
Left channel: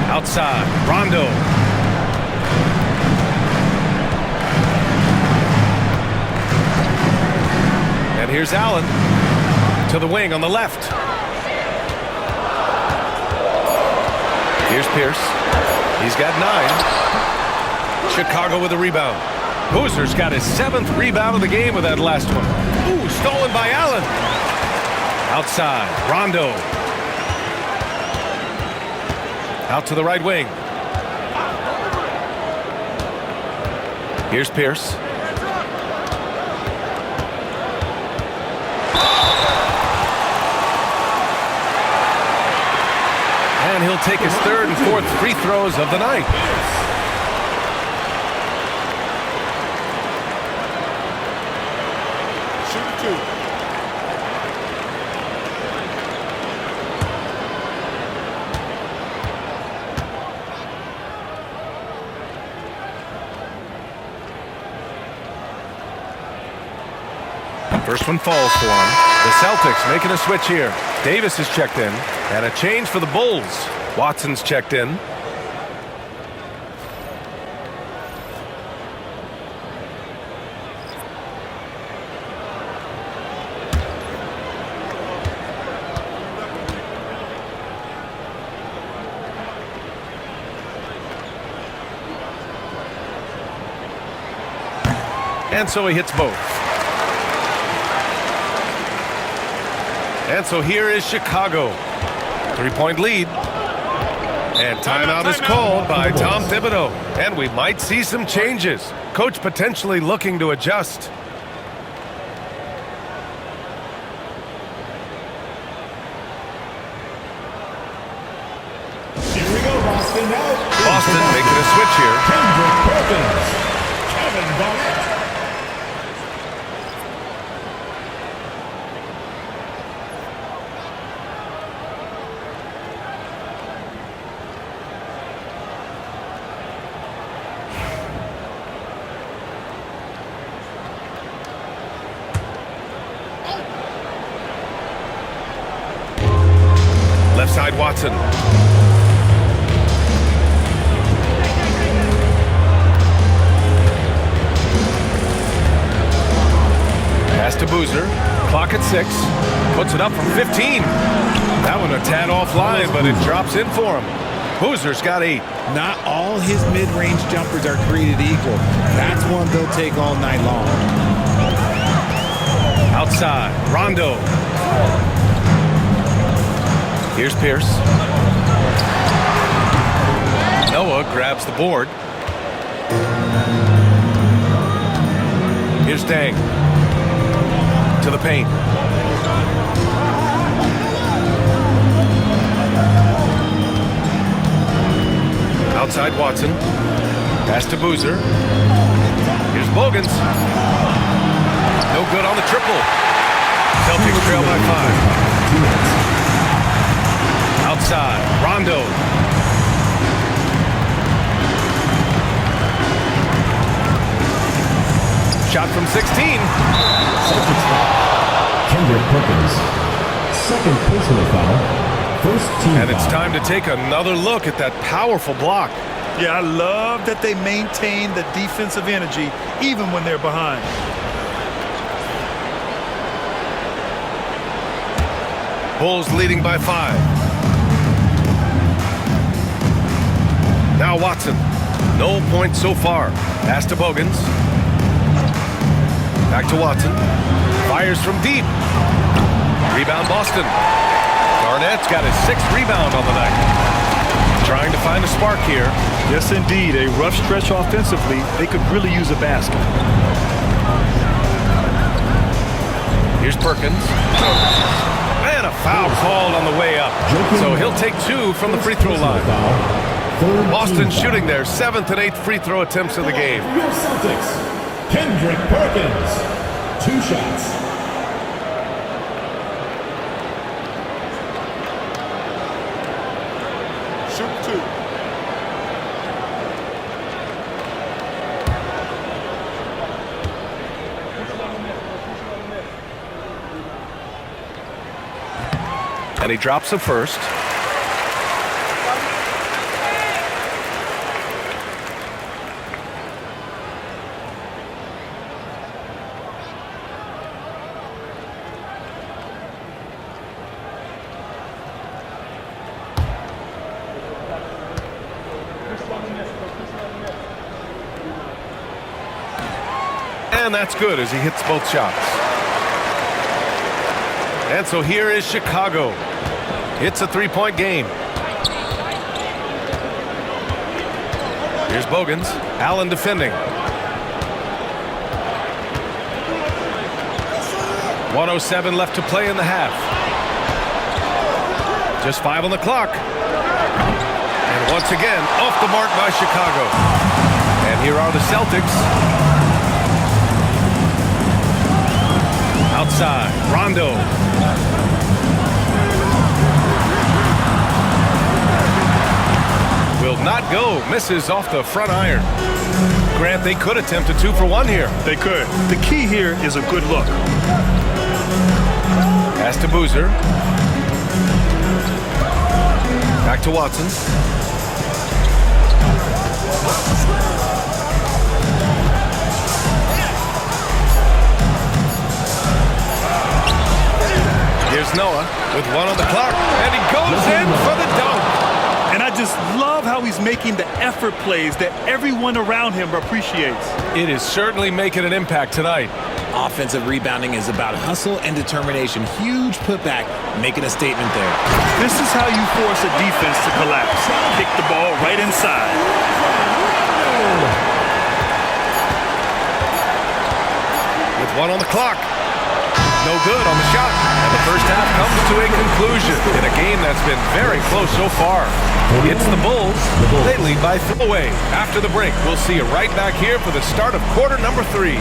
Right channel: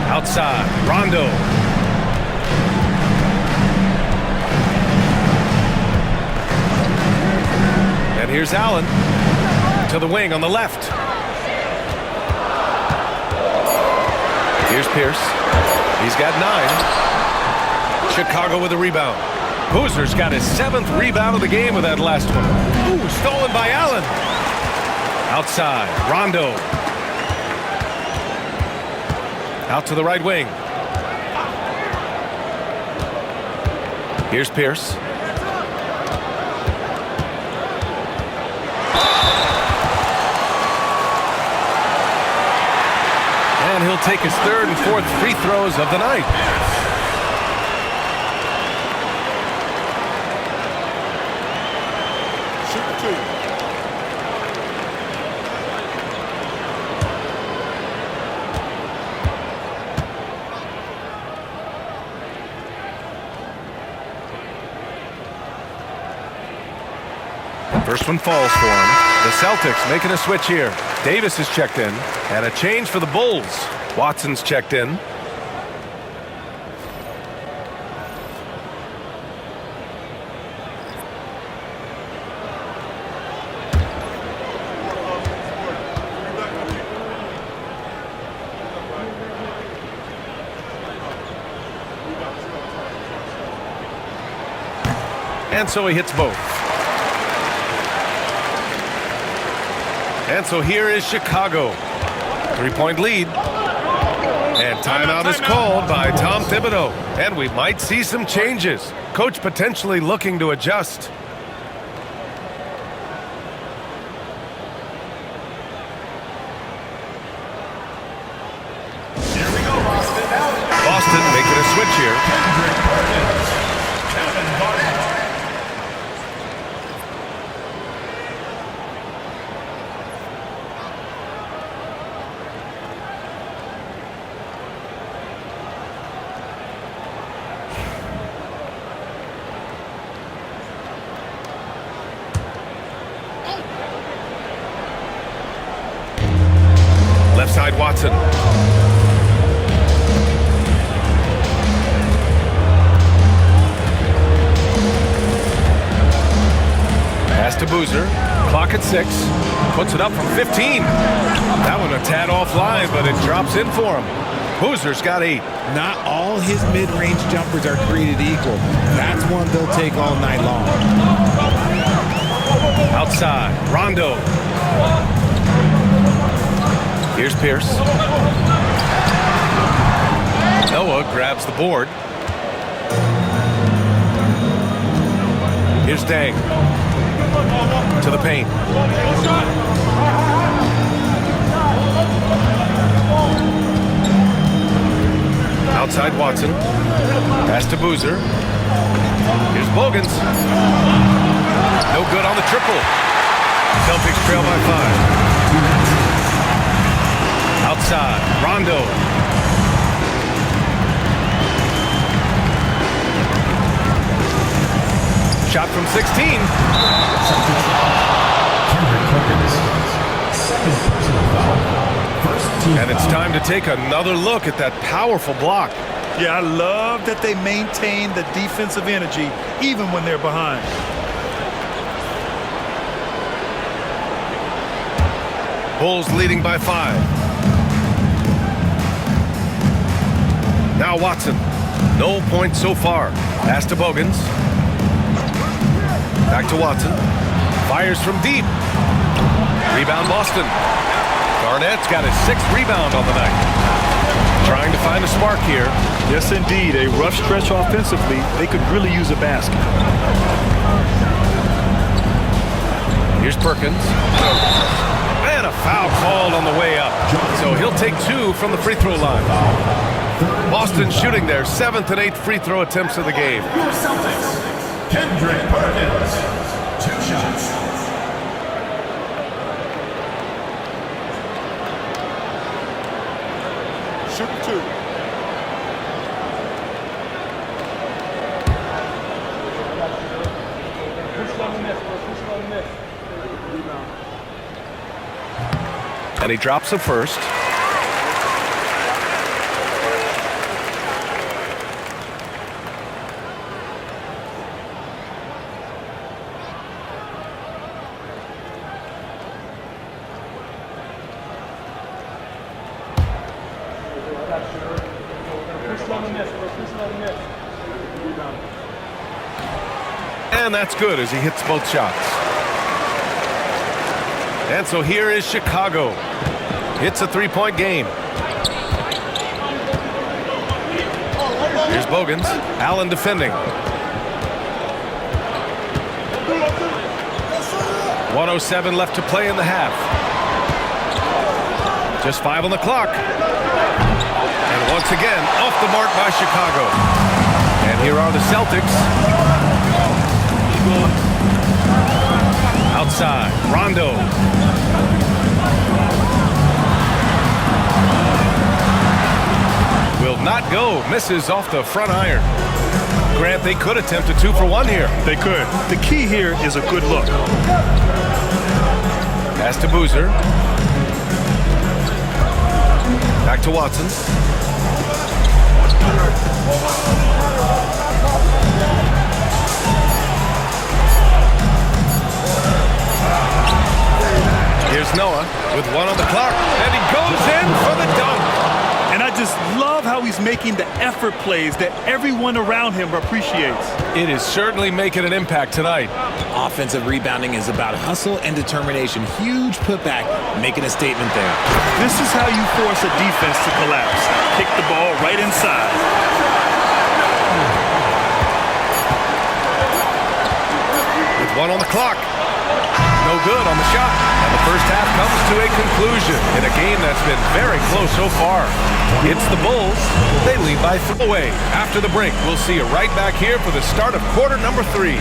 Outside. Rondo. And here's Allen. To the wing on the left. Here's Pierce. He's got 9. Chicago with a rebound. Boozer's got his 7th rebound of the game with that last one. Ooh, stolen by Allen. Outside, Rondo. Out to the right wing. Here's Pierce. And he'll take his 3rd and 4th free throws of the night. First one falls for him. The Celtics making a switch here. Davis is checked in. And a change for the Bulls. Watson's checked in. And so he hits both. And so here is Chicago. 3-point lead. And timeout is called by Tom Thibodeau. And we might see some changes. Coach potentially looking to adjust. Here we go, Boston. Now, Boston making a switch here. Perkins, Kevin Garnett. Left side, Watson. Pass to Boozer. Clock at 6. Puts it up from 15. That one a tad offline, but it drops in for him. Boozer's got 8. Not all his mid-range jumpers are created equal. That's one they'll take all night long. Outside, Rondo. Here's Pierce. Noah grabs the board. Here's Dang. To the paint. Outside Watson. Pass to Boozer. Here's Bogans. No good on the triple. Celtics trail by 5. Outside, Rondo. Shot from 16. Kendrick Perkins, 2nd personal foul, 1st team And it's foul. time to take another look at that powerful block. Yeah, I love that they maintain the defensive energy even when they're behind. Bulls leading by 5. Now Watson. No points so far. Pass to Bogans. Back to Watson. Fires from deep. Rebound Boston. Garnett's got his 6th rebound on the night. Trying to find a spark here. Yes, indeed. A rough stretch offensively. They could really use a basket. Here's Perkins. And And a foul called on the way up. So he'll take 2 from the free throw line. Boston shooting their 7th and 8th free throw attempts of the game. Your Celtics, Kendrick Perkins, 2 shots. Shoot 2. And he drops the first. And that's good as he hits both shots. And so here is Chicago. It's a 3-point game. Here's Bogans. Allen defending. 1:07 left to play in the half. Just 5 on the clock. And once again, off the mark by Chicago. And here are the Celtics. Outside, Rondo. Will not go, misses off the front iron. Grant, they could attempt a 2 for 1 here. They could. The key here is a good look. Pass to Boozer. Back to Watson. Here's Noah with 1 on the clock, and he goes in for the dunk. And I just love how he's making the effort plays that everyone around him appreciates. It is certainly making an impact tonight. Offensive rebounding is about hustle and determination. Huge putback, making a statement there. This is how you force a defense to collapse. Kick the ball right inside. With 1 on the clock. No good on the shot. And the first half comes to a conclusion in a game that's been very close so far. It's the Bulls. They lead by 3 away. After the break, we'll see you right back here for the start of quarter number 3.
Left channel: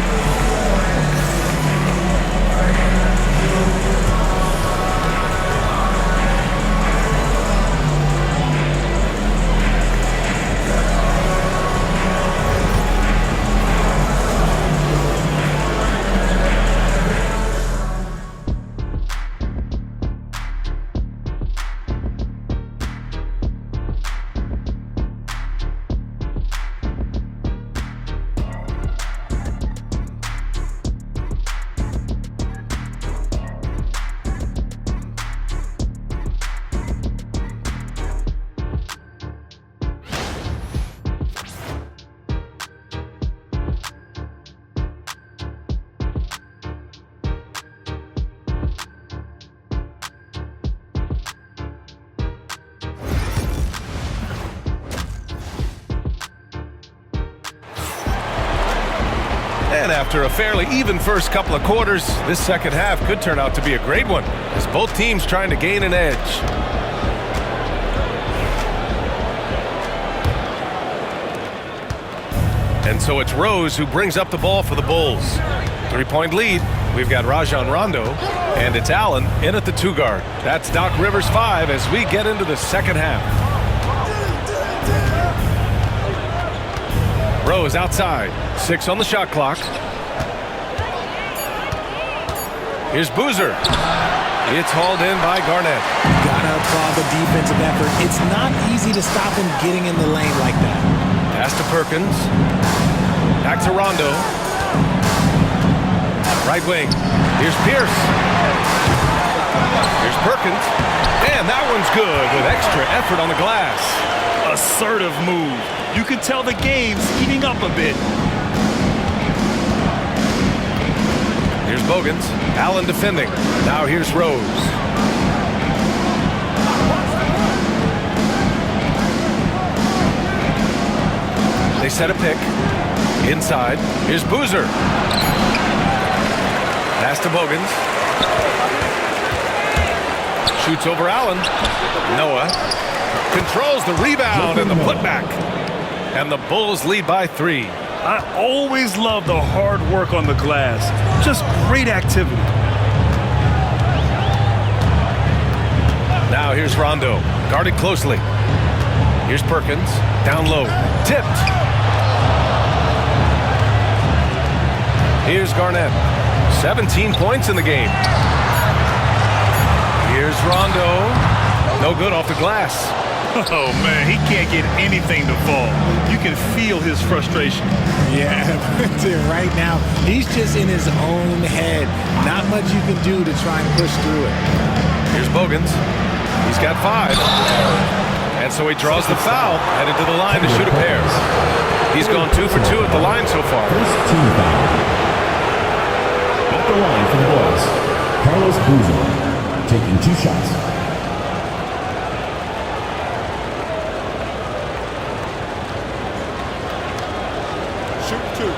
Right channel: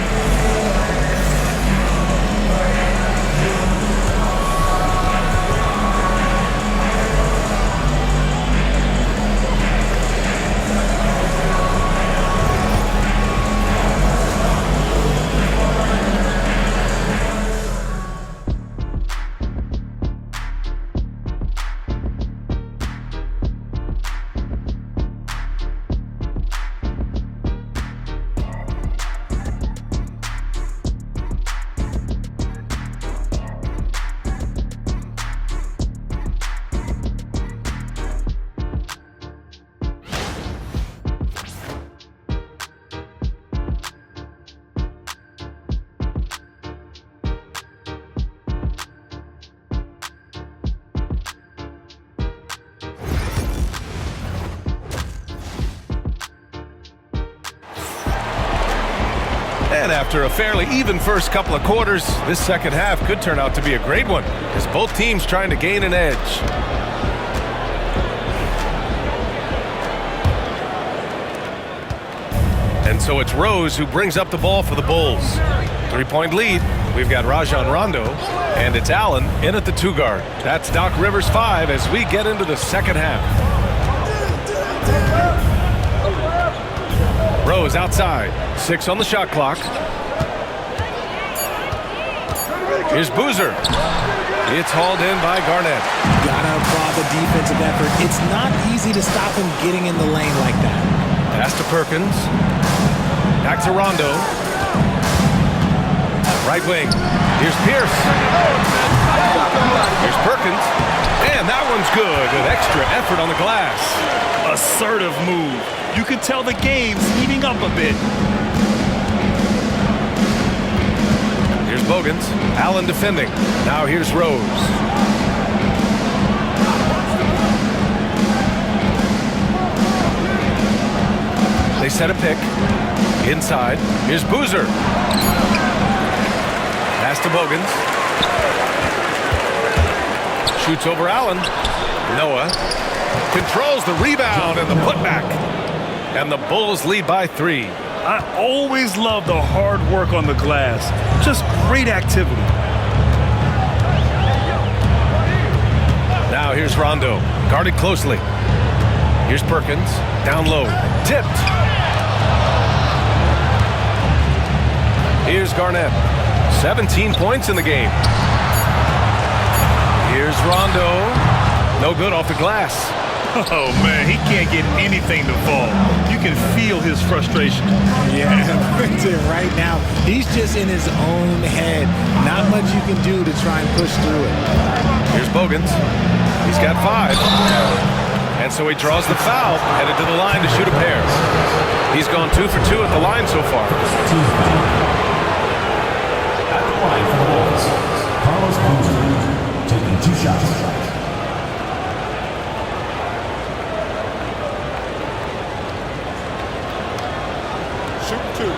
And after a fairly even first couple of quarters, this second half could turn out to be a great one, as both teams trying to gain an edge. And so it's Rose who brings up the ball for the Bulls. 3-point lead. We've got Rajon Rondo, and it's Allen in at the 2 guard. That's Doc Rivers 5 as we get into the second half. Rose outside, 6 on the shot clock. Here's Boozer. It's hauled in by Garnett. Gotta applaud the defensive effort. It's not easy to stop him getting in the lane like that. Pass to Perkins. Back to Rondo. Right wing. Here's Pierce. Here's Perkins. And that one's good with extra effort on the glass. Assertive move. You can tell the game's heating up a bit. Here's Bogans. Allen defending. Now here's Rose. They set a pick. Inside. Here's Boozer. Pass to Bogans. Shoots over Allen. Noah controls the rebound and the putback. And the Bulls lead by 3. I always love the hard work on the glass. Just great activity. Now here's Rondo, guarded closely. Here's Perkins, down low, tipped. Here's Garnett, 17 points in the game. Here's Rondo, no good off the glass. Oh, man, he can't get anything to fall. You can feel his frustration. Yeah, right now, he's just in his own head. Not much you can do to try and push through it. Here's Bogans. He's got 5. And so he draws the foul, headed to the line to shoot a pair. He's gone 2 for 2 at the line so far. Team foul. At the line for the Bulls, Carlos Boozer taking 2 shots. Shoot 2.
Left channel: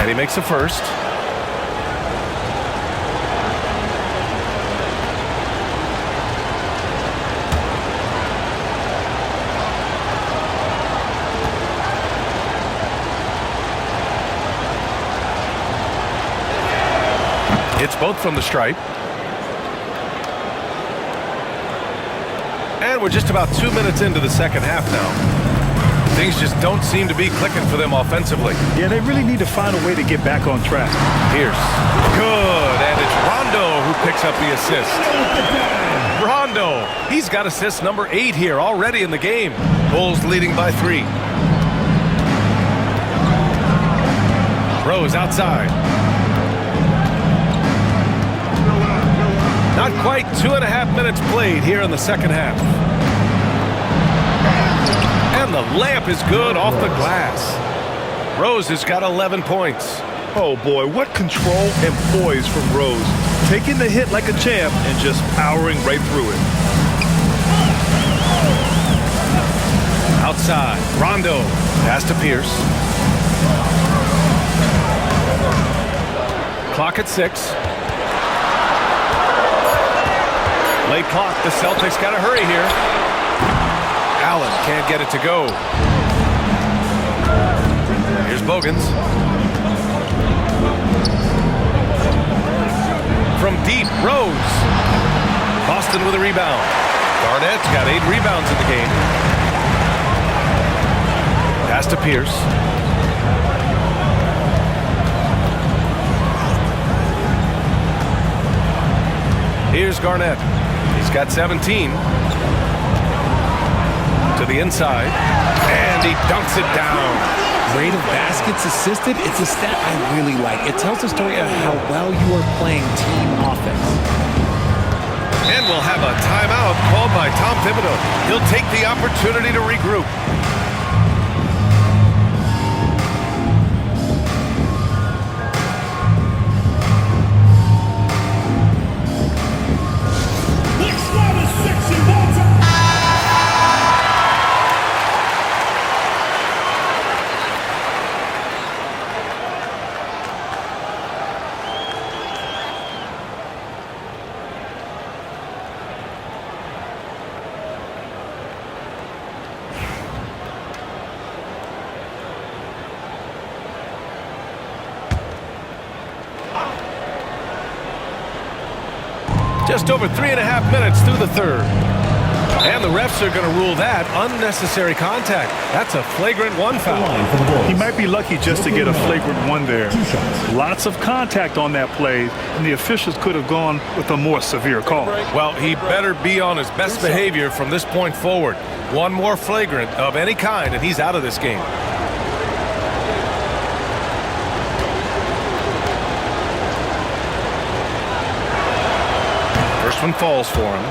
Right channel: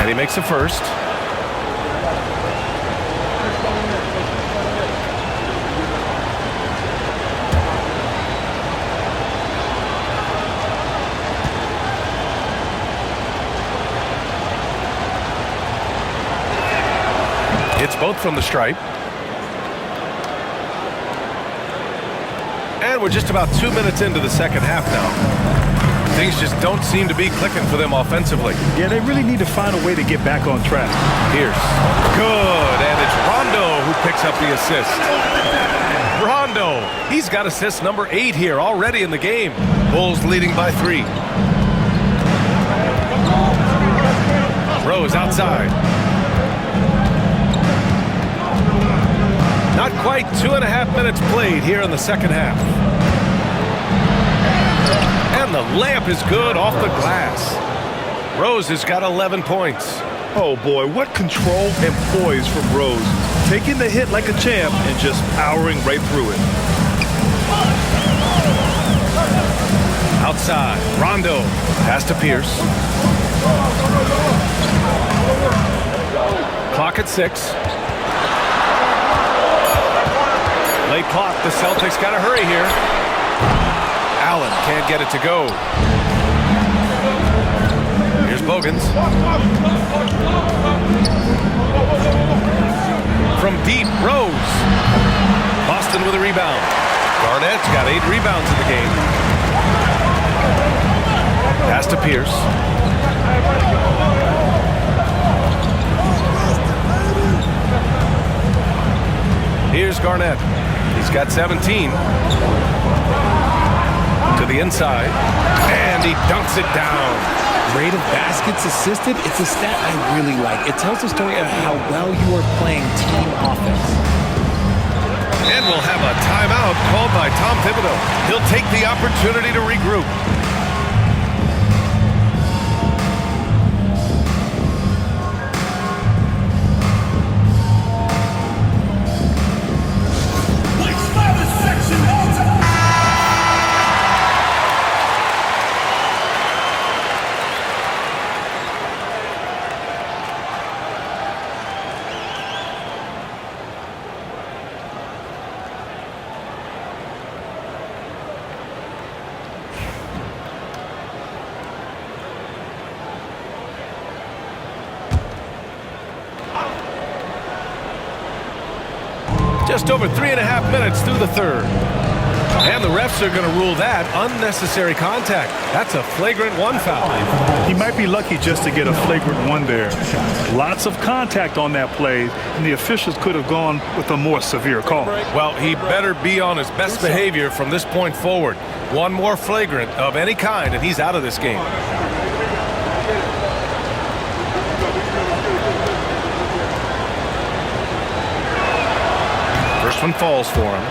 And he makes the first. It's both from the stripe. And we're just about 2 minutes into the second half now. Things just don't seem to be clicking for them offensively. Yeah, they really need to find a way to get back on track. Pierce. Good. And it's Rondo who picks up the assist. Rondo. He's got assist number 8 here already in the game. Bulls leading by 3. Rose outside. Not quite 2.5 minutes played here in the second half. And the layup is good off the glass. Rose has got 11 points. Oh, boy, what control and poise from Rose. Taking the hit like a champ and just powering right through it. Outside, Rondo. Pass to Pierce. Clock at 6. Late clock, the Celtics got to hurry here. Allen can't get it to go. Here's Bogans. From deep, Rose. Boston with a rebound. Garnett's got 8 rebounds in the game. Pass to Pierce. Here's Garnett. He's got 17. To the inside. And he dunks it down. Rate of baskets assisted, it's a stat I really like. It tells the story of how well you are playing team offense. And we'll have a timeout called by Tom Thibodeau. He'll take the opportunity to regroup. Just over 3.5 minutes through the third. And the refs are going to rule that unnecessary contact. That's a flagrant 1 foul. He might be lucky just to get a flagrant 1 there. Lots of contact on that play, and the officials could have gone with a more severe call. Well, he better be on his best behavior from this point forward. One more flagrant of any kind, and he's out of this game. First one falls for him.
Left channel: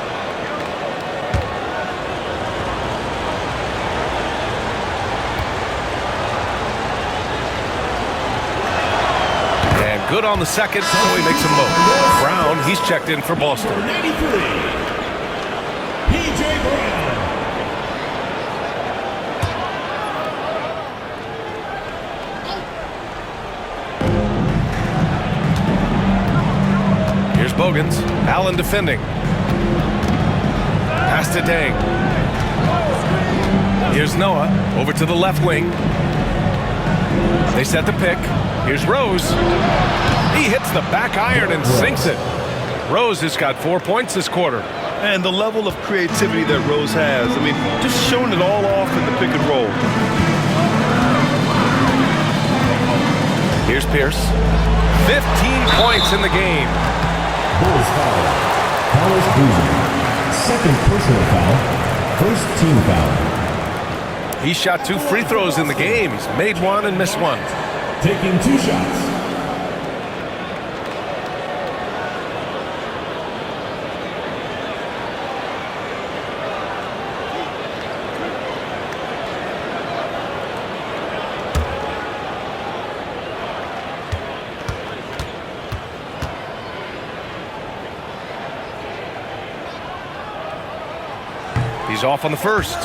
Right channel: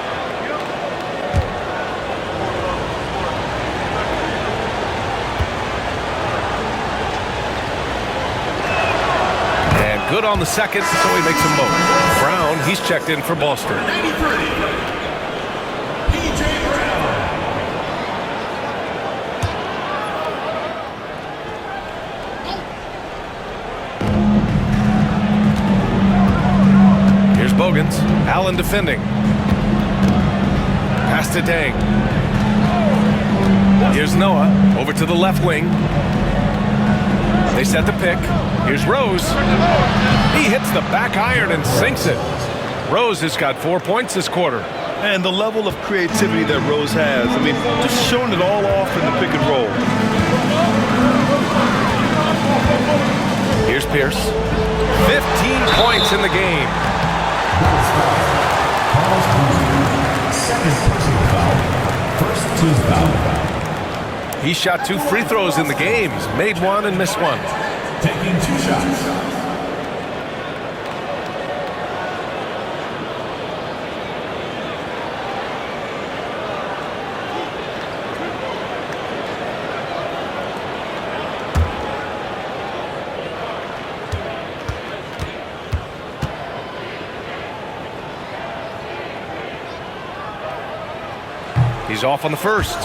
And good on the second, so he makes them both. Brown, he's checked in for Boston. 93. P.J. Brown. Here's Bogans. Allen defending. Pass to Dang. Here's Noah. Over to the left wing. They set the pick. Here's Rose. He hits the back iron and sinks it. Rose has got 4 points this quarter. And the level of creativity that Rose has, I mean, just showing it all off in the pick and roll. Here's Pierce. 15 points in the game. That foul. Carlos Boozer. Second personal foul. First team foul. He shot 2 free throws in the game. He's made 1 and missed 1. Taking 2 shots. He's off on the first.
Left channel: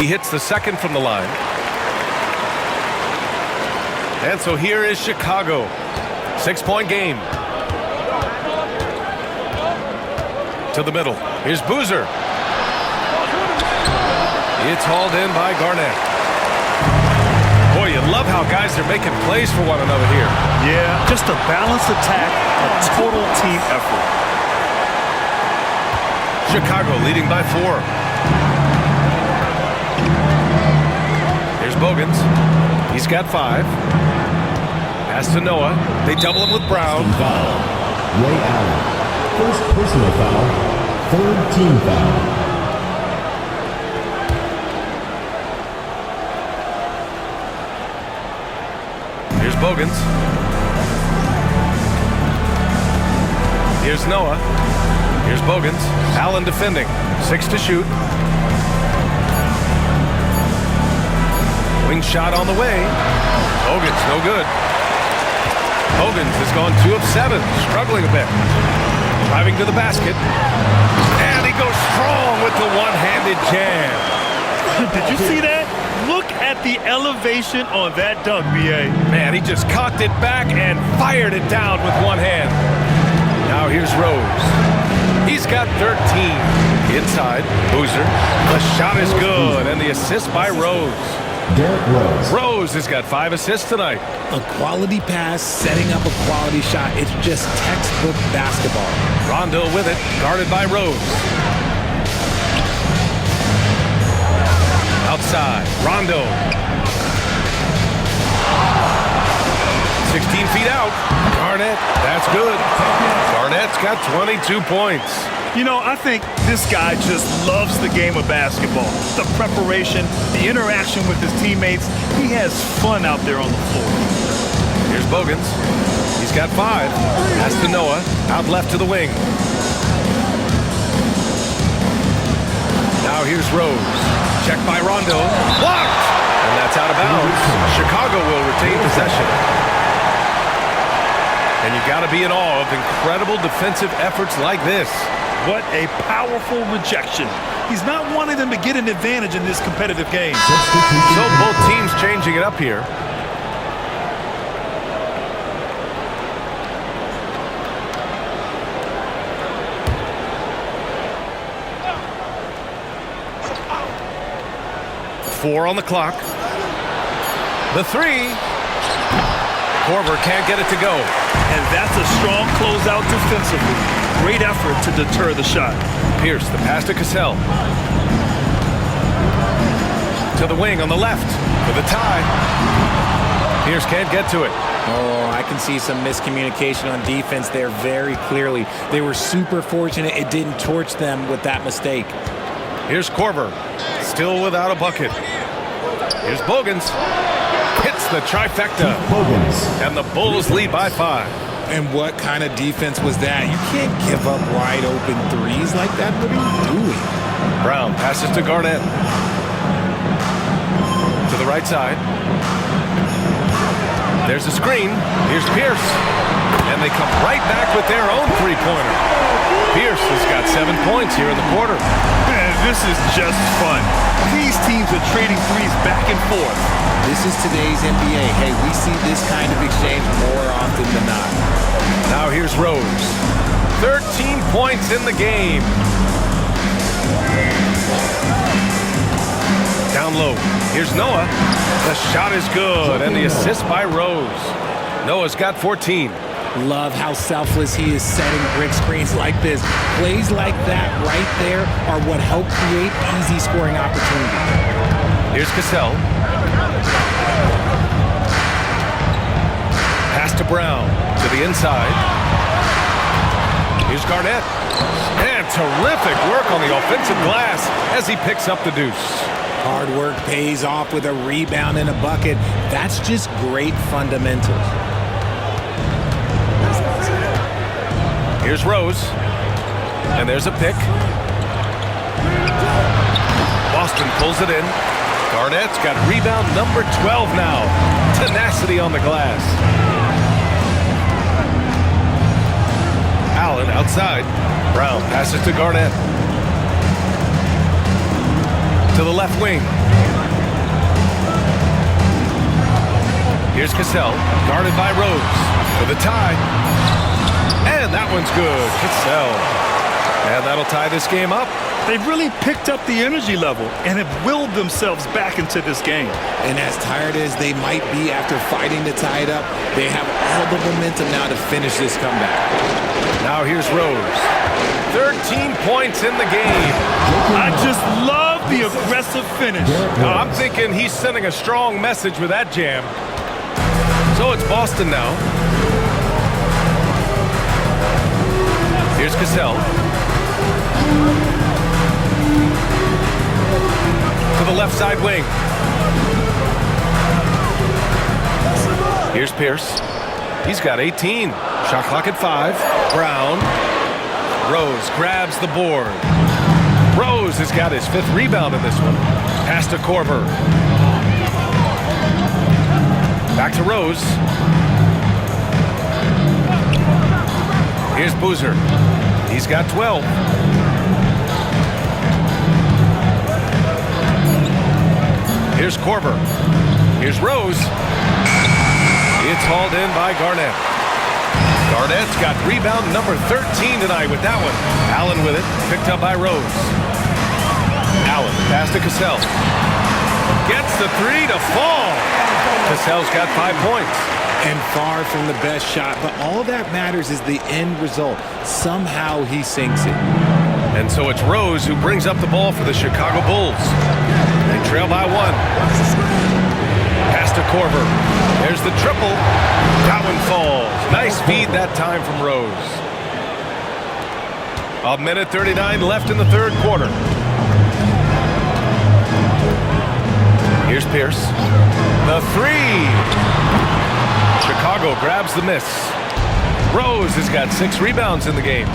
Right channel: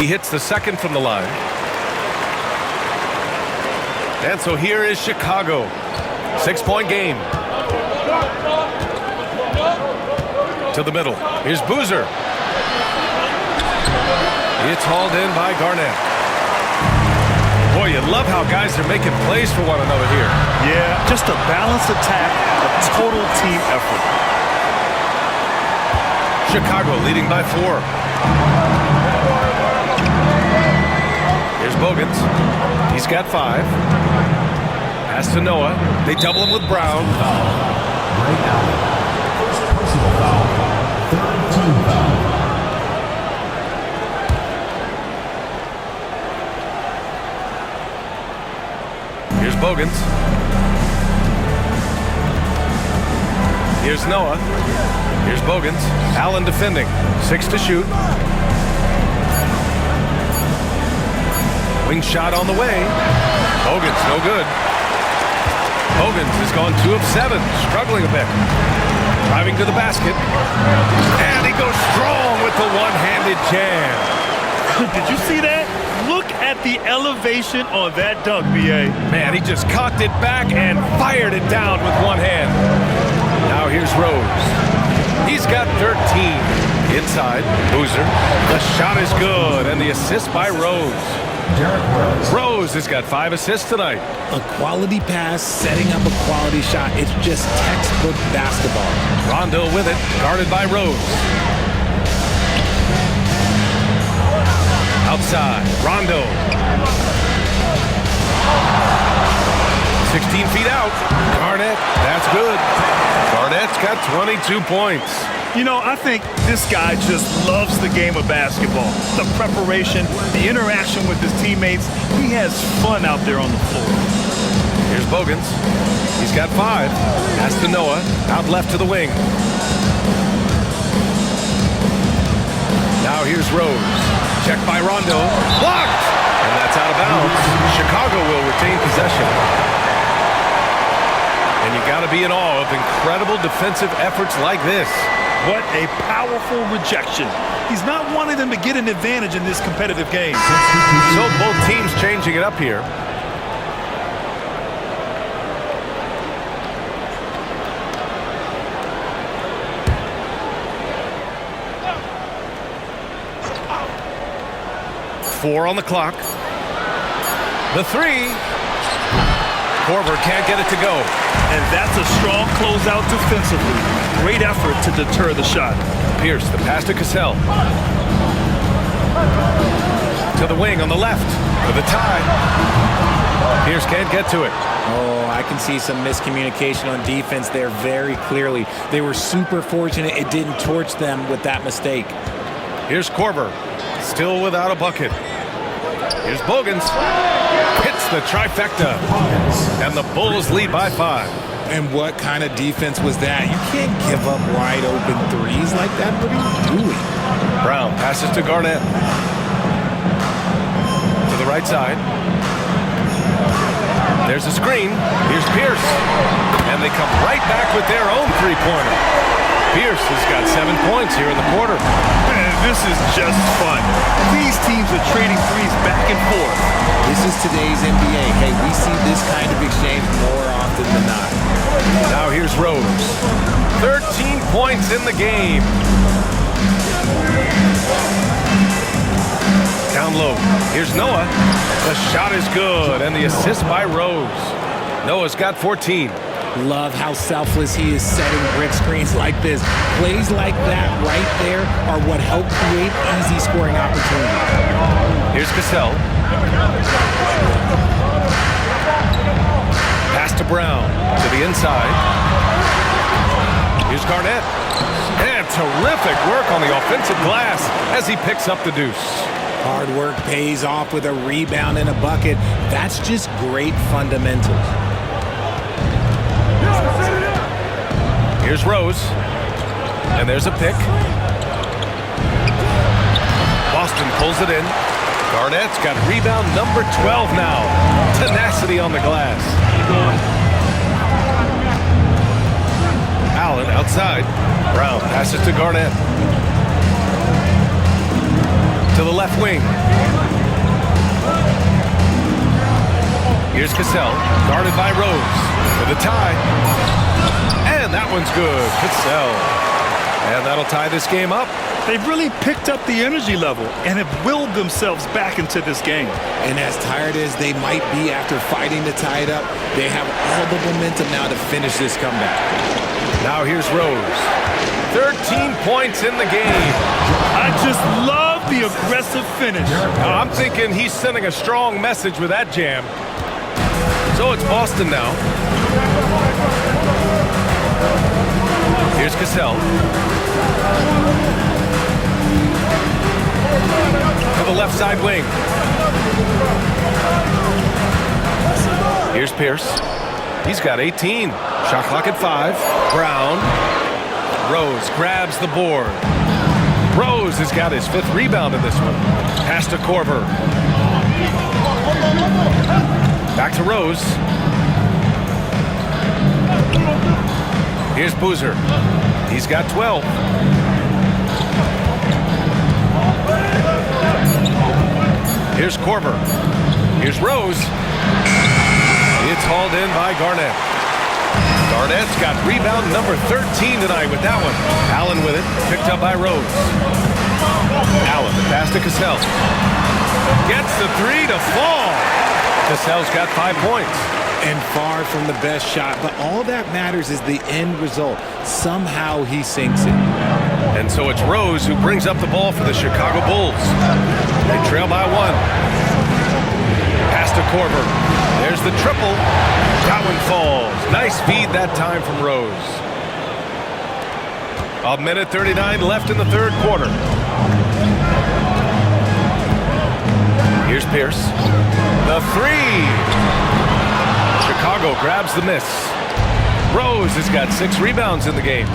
He hits the second from the line. And so here is Chicago. 6-point game. To the middle. Here's Boozer. It's hauled in by Garnett. Boy, you love how guys are making plays for one another here. Yeah, just a balanced attack, a total team effort. Chicago leading by 4. Here's Bogans. He's got 5. Pass to Noah. They double him with Brown. Foul. Ray Allen. First personal foul. Third team foul. Here's Bogans. Here's Noah. Here's Bogans. Allen defending. 6 to shoot. Wing shot on the way. Bogans, no good. Bogans has gone 2 of 7, struggling a bit. Driving to the basket. And he goes strong with the one-handed jam. Did you see that? Look at the elevation on that dunk, B.A. Man, he just cocked it back and fired it down with one hand. Now here's Rose. He's got 13. Inside, Boozer. The shot is good, and the assist by Rose. Derrick Rose. Rose has got 5 assists tonight. A quality pass, setting up a quality shot. It's just textbook basketball. Rondo with it, guarded by Rose. Outside, Rondo. 16 feet out. Garnett, that's good. Garnett's got 22 points. You know, I think this guy just loves the game of basketball. The preparation, the interaction with his teammates. He has fun out there on the floor. Here's Bogans. He's got 5. Pass to Noah. Out left to the wing. Now here's Rose. Checked by Rondo. Blocked! And that's out of bounds. Chicago will retain possession. And you got to be in awe of incredible defensive efforts like this. What a powerful rejection. He's not wanting them to get an advantage in this competitive game. So both teams changing it up here. Four on the clock. The 3. Korver can't get it to go. And that's a strong closeout defensively. Great effort to deter the shot. Pierce, the pass to Cassell. To the wing on the left for the tie. Pierce can't get to it. Oh, I can see some miscommunication on defense there very clearly. They were super fortunate it didn't torch them with that mistake. Here's Korver, still without a bucket. Here's Bogans. Hits the trifecta. And the Bulls lead by 5. And what kind of defense was that? You can't give up wide open threes like that. What are you doing? Brown passes to Garnett. To the right side. There's a screen. Here's Pierce. And they come right back with their own three-pointer. Pierce has got 7 points here in the quarter. Man, this is just fun. These teams are trading threes back and forth. This is today's NBA. Hey, we see this kind of exchange more often than not. Now here's Rose. 13 points in the game. Down low. Here's Noah. The shot is good, and the assist by Rose. Noah's got 14. Love how selfless he is setting brick screens like this. Plays like that right there are what help create easy scoring opportunities. Here's Cassell. Pass to Brown. To the inside. Here's Garnett. And terrific work on the offensive glass as he picks up the deuce. Hard work pays off with a rebound and a bucket. That's just great fundamentals. Here's Rose. And there's a pick. Boston pulls it in. Garnett's got rebound number 12 now. Tenacity on the glass. Allen outside. Brown passes to Garnett. To the left wing. Here's Cassell. Guarded by Rose. For the tie. And that one's good. Cassell. And that'll tie this game up. They've really picked up the energy level and have willed themselves back into this game. And as tired as they might be after fighting to tie it up, they have all the momentum now to finish this comeback. Now here's Rose. 13 points in the game. I just love the aggressive finish. Now, I'm thinking he's sending a strong message with that jam. So it's Boston now. Here's Cassell. To the left side wing. Here's Pierce. He's got 18. Shot clock at 5. Brown. Rose grabs the board. Rose has got his 5th rebound in this one. Pass to Korver. Back to Rose. Here's Boozer. He's got 12. Here's Korver. Here's Rose. It's hauled in by Garnett. Garnett's got rebound number 13 tonight with that one. Allen with it, picked up by Rose. Allen, the pass to Cassell. Gets the 3 to fall. Cassell's got 5 points. And far from the best shot, but all that matters is the end result. Somehow he sinks it. And so it's Rose who brings up the ball for the Chicago Bulls. They trail by 1. Pass to Korver. There's the triple. That one falls. Nice feed that time from Rose. 1:39 left in the third quarter. Here's Pierce. The 3. Chicago grabs the miss. Rose has got 6 rebounds in the game.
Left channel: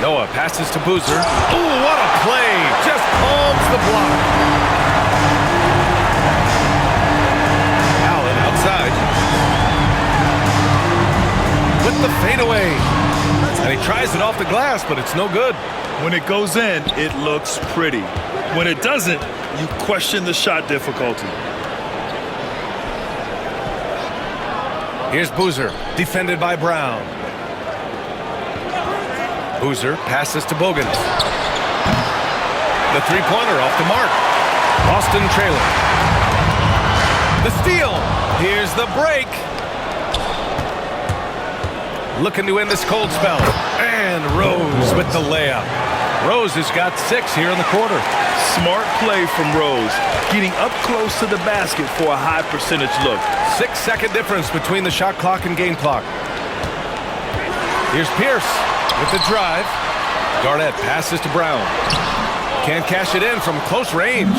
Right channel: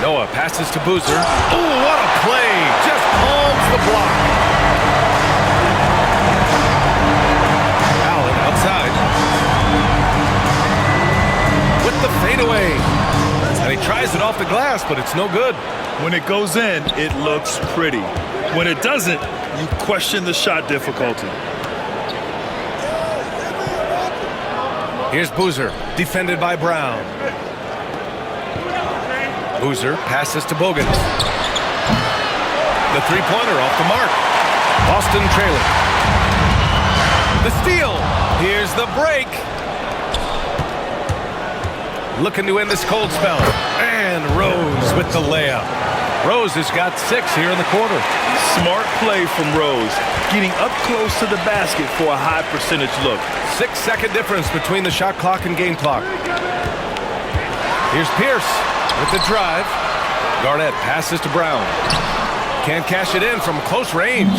Noah passes to Boozer. Oh, what a play! Just palms the block. Allen outside. With the fadeaway. And he tries it off the glass, but it's no good. When it goes in, it looks pretty. When it doesn't, you question the shot difficulty. Here's Boozer, defended by Brown. Boozer passes to Bogans. The three-pointer off the mark. Boston trailing. The steal. Here's the break. Looking to end this cold spell. And Rose with the layup. Rose has got 6 here in the quarter. Smart play from Rose, getting up close to the basket for a high percentage look. 6-second difference between the shot clock and game clock. Here's Pierce with the drive. Garnett passes to Brown. Can't cash it in from close range.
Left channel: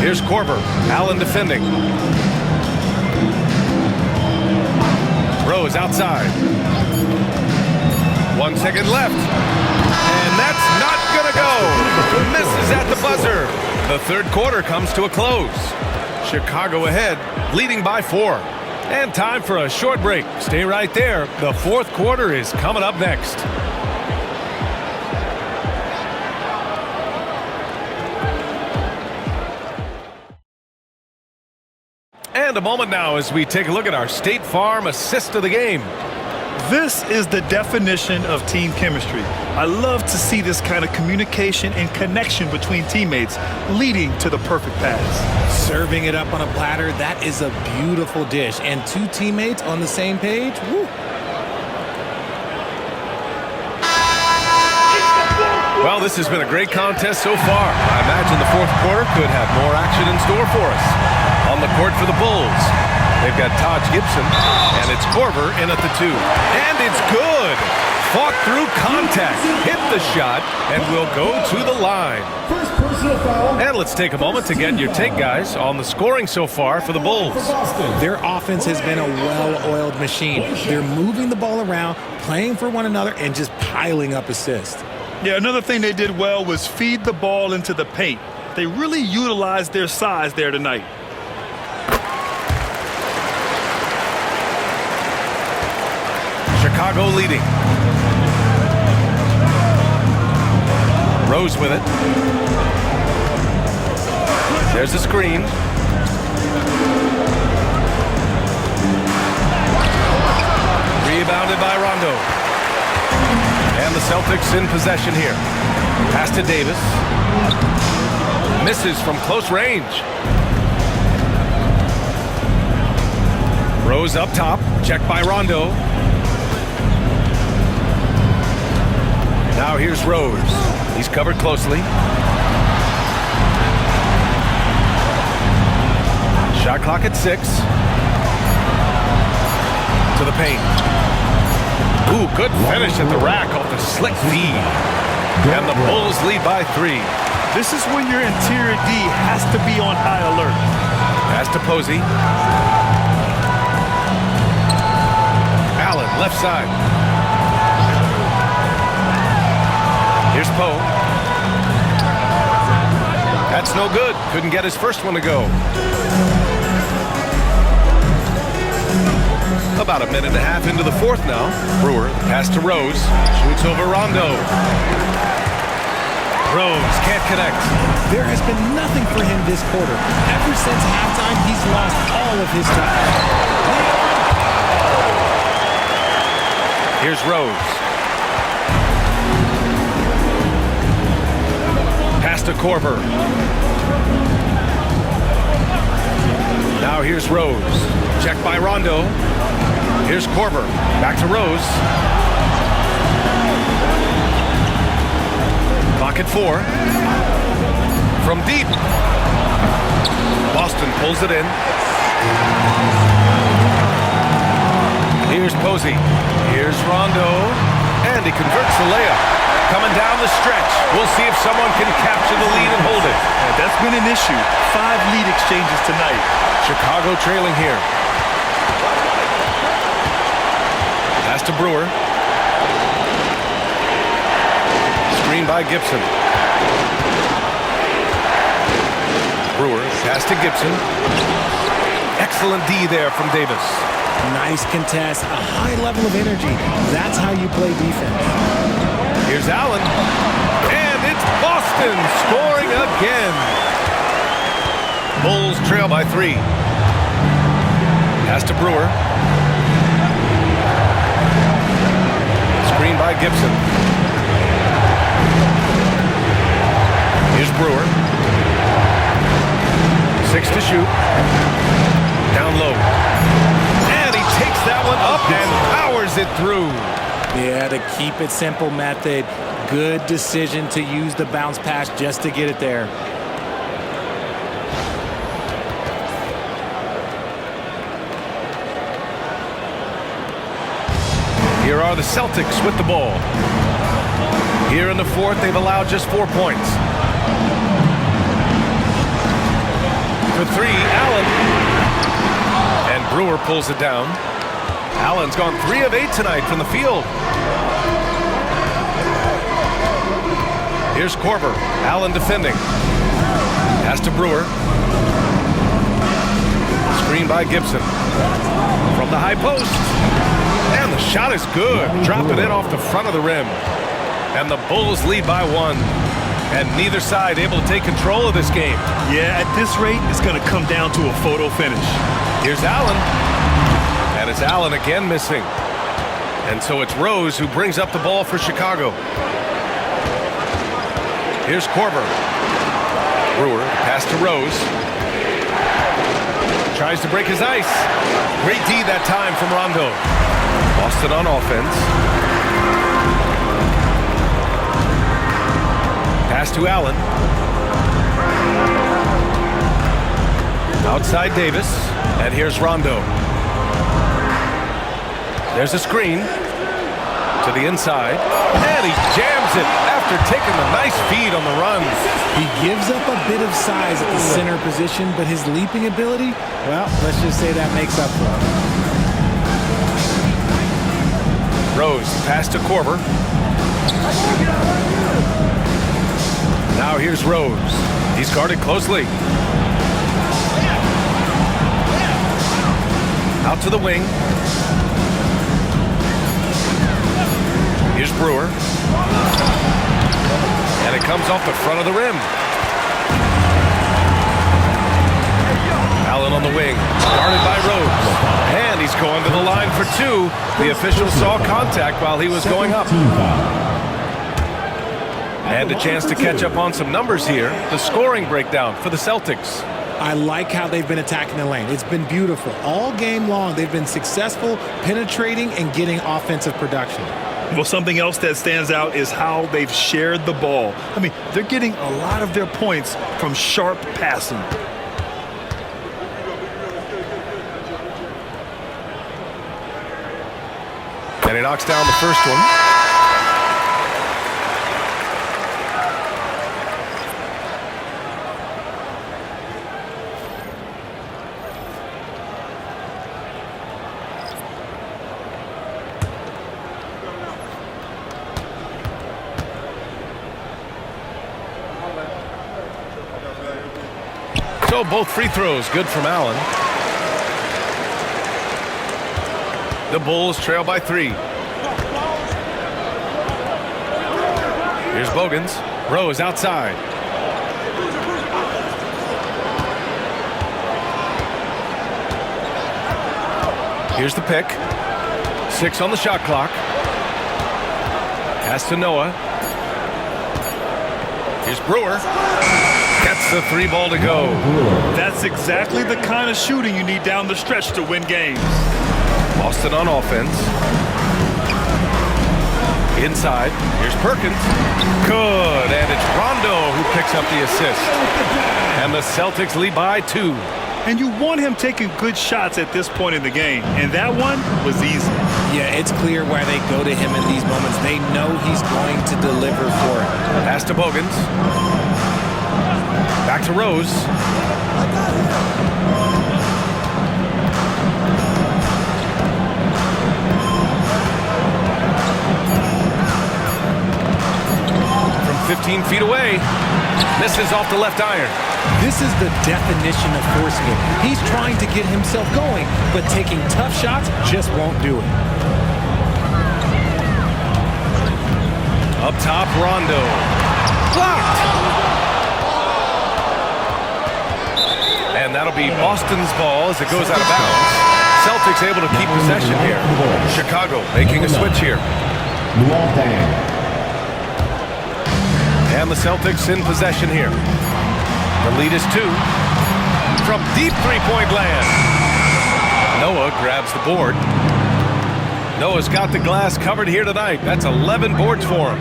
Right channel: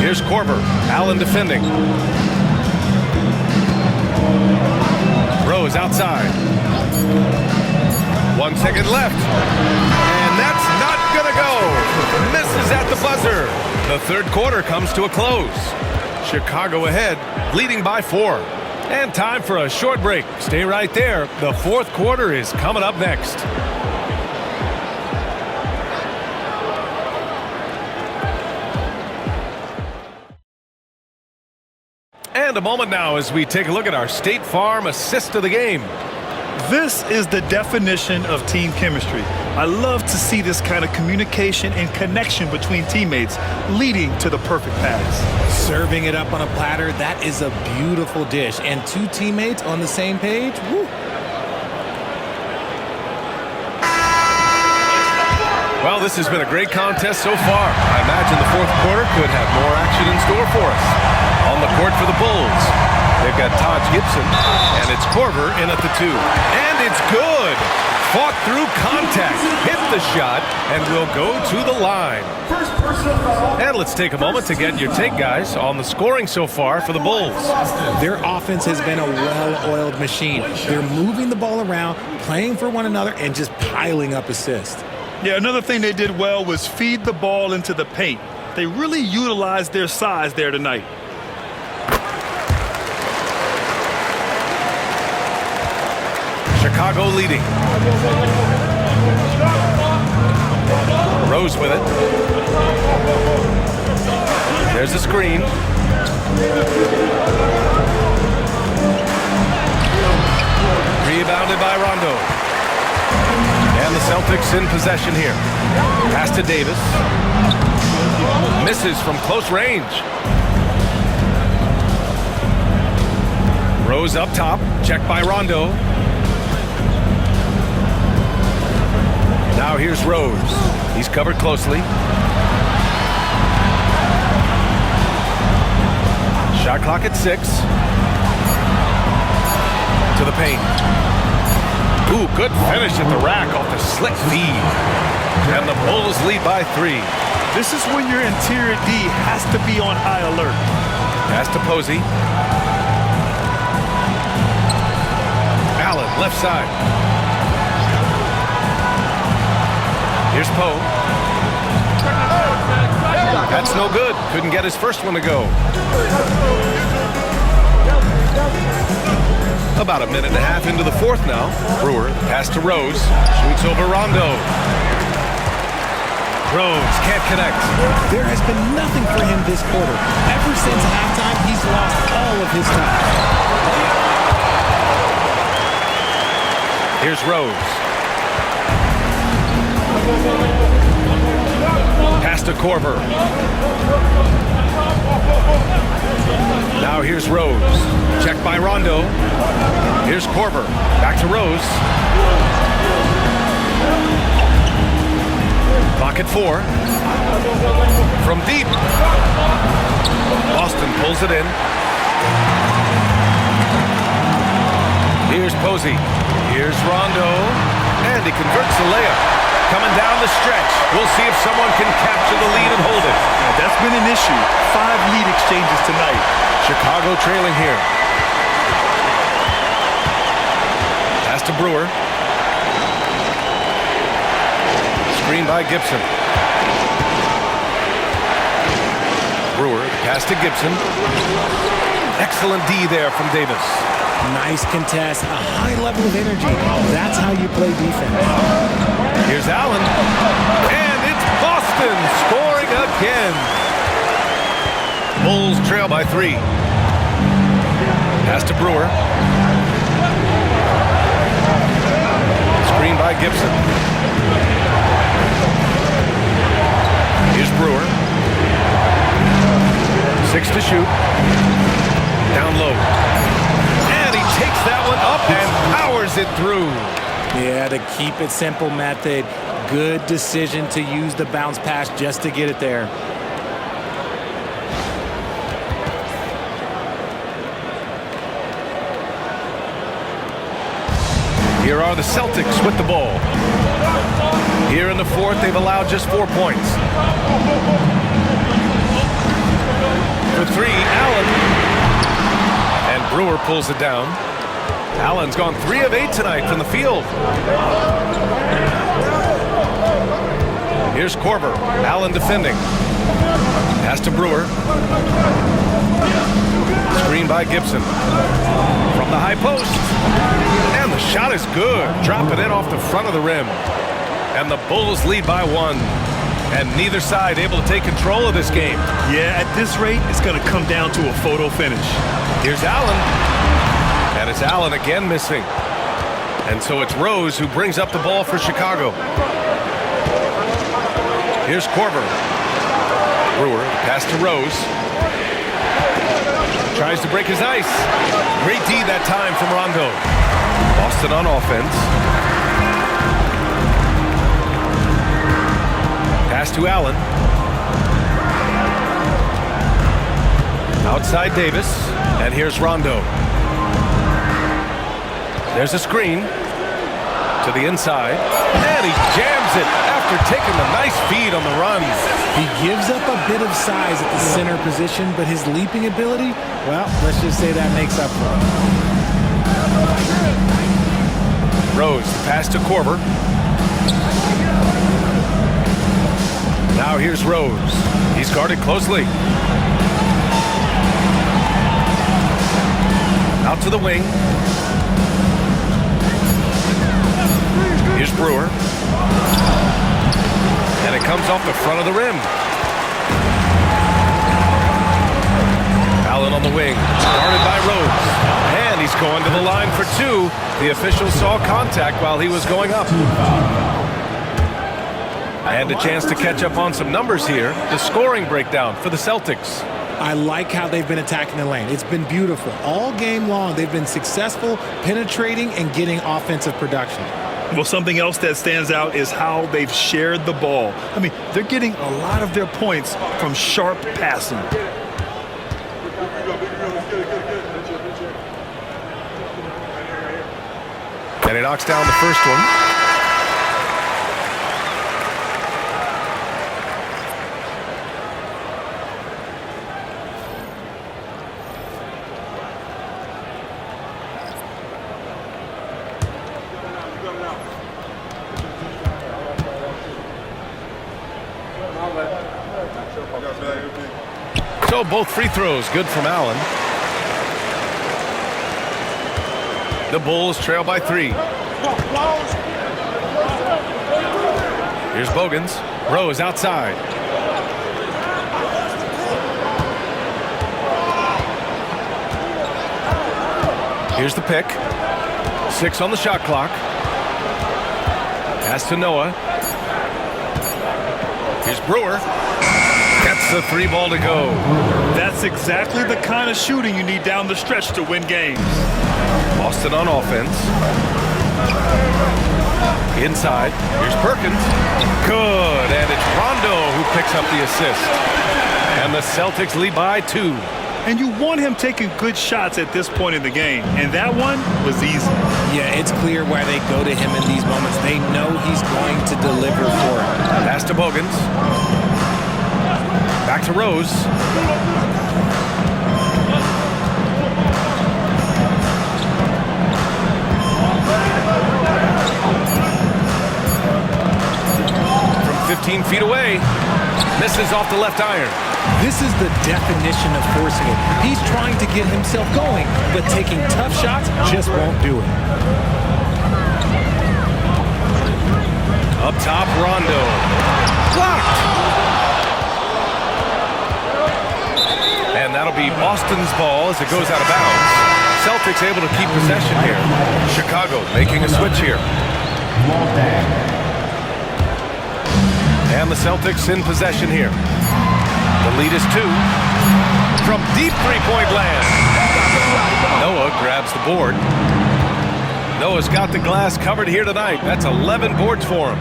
Here's Korver. Allen defending. Rose outside. 1 second left. And that's not gonna go. Misses at the buzzer. The third quarter comes to a close. Chicago ahead, leading by 4. And time for a short break. Stay right there. The fourth quarter is coming up next. And a moment now as we take a look at our State Farm assist of the game. This is the definition of team chemistry. I love to see this kind of communication and connection between teammates leading to the perfect pass. Serving it up on a platter, that is a beautiful dish. And two teammates on the same page, woo. Well, this has been a great contest so far. I imagine the fourth quarter could have more action in store for us. On the court for the Bulls, they've got Taj Gibson, and it's Korver in at the 2. And it's good. Fought through contact, hit the shot, and will go to the line. First personal foul. And let's take a moment to get your take, guys, on the scoring so far for the Bulls. Their offense has been a well-oiled machine. They're moving the ball around, playing for one another, and just piling up assists. Yeah, another thing they did well was feed the ball into the paint. They really utilized their size there tonight. Chicago leading. Rose with it. There's a screen. Rebounded by Rondo. And the Celtics in possession here. Pass to Davis. Misses from close range. Rose up top. Checked by Rondo. Now here's Rose. He's covered closely. Shot clock at 6. To the paint. Ooh, good finish at the rack off the slick feed. And the Bulls lead by 3. This is when your interior D has to be on high alert. Pass to Posey. Allen, left side. Here's Poe. That's no good. Couldn't get his first one to go. About a minute and a half into the fourth now. Brewer, pass to Rose. Shoots over Rondo. Rose can't connect. There has been nothing for him this quarter. Ever since halftime, he's lost all of his touch. Here's Rose. Pass to Korver. Now here's Rose. Checked by Rondo. Here's Korver. Back to Rose. Clock at 4. From deep. Boston pulls it in. Here's Posey. Here's Rondo. And he converts the layup. Coming down the stretch. We'll see if someone can capture the lead and hold it. Yeah, that's been an issue. 5 lead exchanges tonight. Chicago trailing here. Pass to Brewer. Screen by Gibson. Brewer, pass to Gibson. Excellent D there from Davis. Nice contest, a high level of energy. That's how you play defense. Here's Allen. And it's Boston scoring again. Bulls trail by 3. Pass to Brewer. Screen by Gibson. Here's Brewer. 6 to shoot. Down low. And he takes that one up and powers it through. Yeah, the keep it simple method. Good decision to use the bounce pass just to get it there. Here are the Celtics with the ball. Here in the fourth, they've allowed just 4 points. For 3, Allen. And Brewer pulls it down. Allen's gone 3 of 8 tonight from the field. Here's Korver. Allen defending. Pass to Brewer. Screen by Gibson. From the high post. And the shot is good. Drop it in off the front of the rim. And the Bulls lead by 1. And neither side able to take control of this game. Yeah, at this rate, it's going to come down to a photo finish. Here's Allen. And it's Allen again missing. And so it's Rose who brings up the ball for Chicago. Here's Korver. Brewer, pass to Rose. Tries to break his ice. Great D that time from Rondo. Boston on offense. Pass to Allen. Outside Davis. And here's Rondo. There's a screen to the inside. And he jams it after taking the nice feed on the run. He gives up a bit of size at the center position, but his leaping ability, well, let's just say that makes up for it. Rose, pass to Korver. Now here's Rose. He's guarded closely. Out to the wing. Here's Brewer. And it comes off the front of the rim. Allen on the wing. Guarded by Rose. And he's going to the line for 2. The official saw contact while he was going up. And a chance to catch up on some numbers here. The scoring breakdown for the Celtics. I like how they've been attacking the lane. It's been beautiful. All game long, they've been successful penetrating and getting offensive production. Well, something else that stands out is how they've shared the ball. I mean, they're getting a lot of their points from sharp passing. And he knocks down the first one. So both free throws good from Allen. The Bulls trail by 3. Here's Bogans. Rose outside. Here's the pick. 6 on the shot clock. Pass to Noah. Here's Brewer. Gets the 3 ball to go. That's exactly the kind of shooting you need down the stretch to win games. Boston on offense. Inside. Here's Perkins. Good. And it's Rondo who picks up the assist. And the Celtics lead by 2. And you want him taking good shots at this point in the game. And that one was easy. Yeah, it's clear why they go to him in these moments. They know he's going to deliver for it. Pass to Bogans. Back to Rose. From 15 feet away. Misses off the left iron. This is the definition of forcing it. He's trying to get himself going, but taking tough shots just won't do it. Up top, Rondo. Blocked! And that'll be Boston's ball as it goes out of bounds. Celtics able to keep possession here. Chicago making a switch here. And the Celtics in possession here. The lead is 2. From deep three-point land. Noah grabs the board. Noah's got the glass covered here tonight. That's 11 boards for him.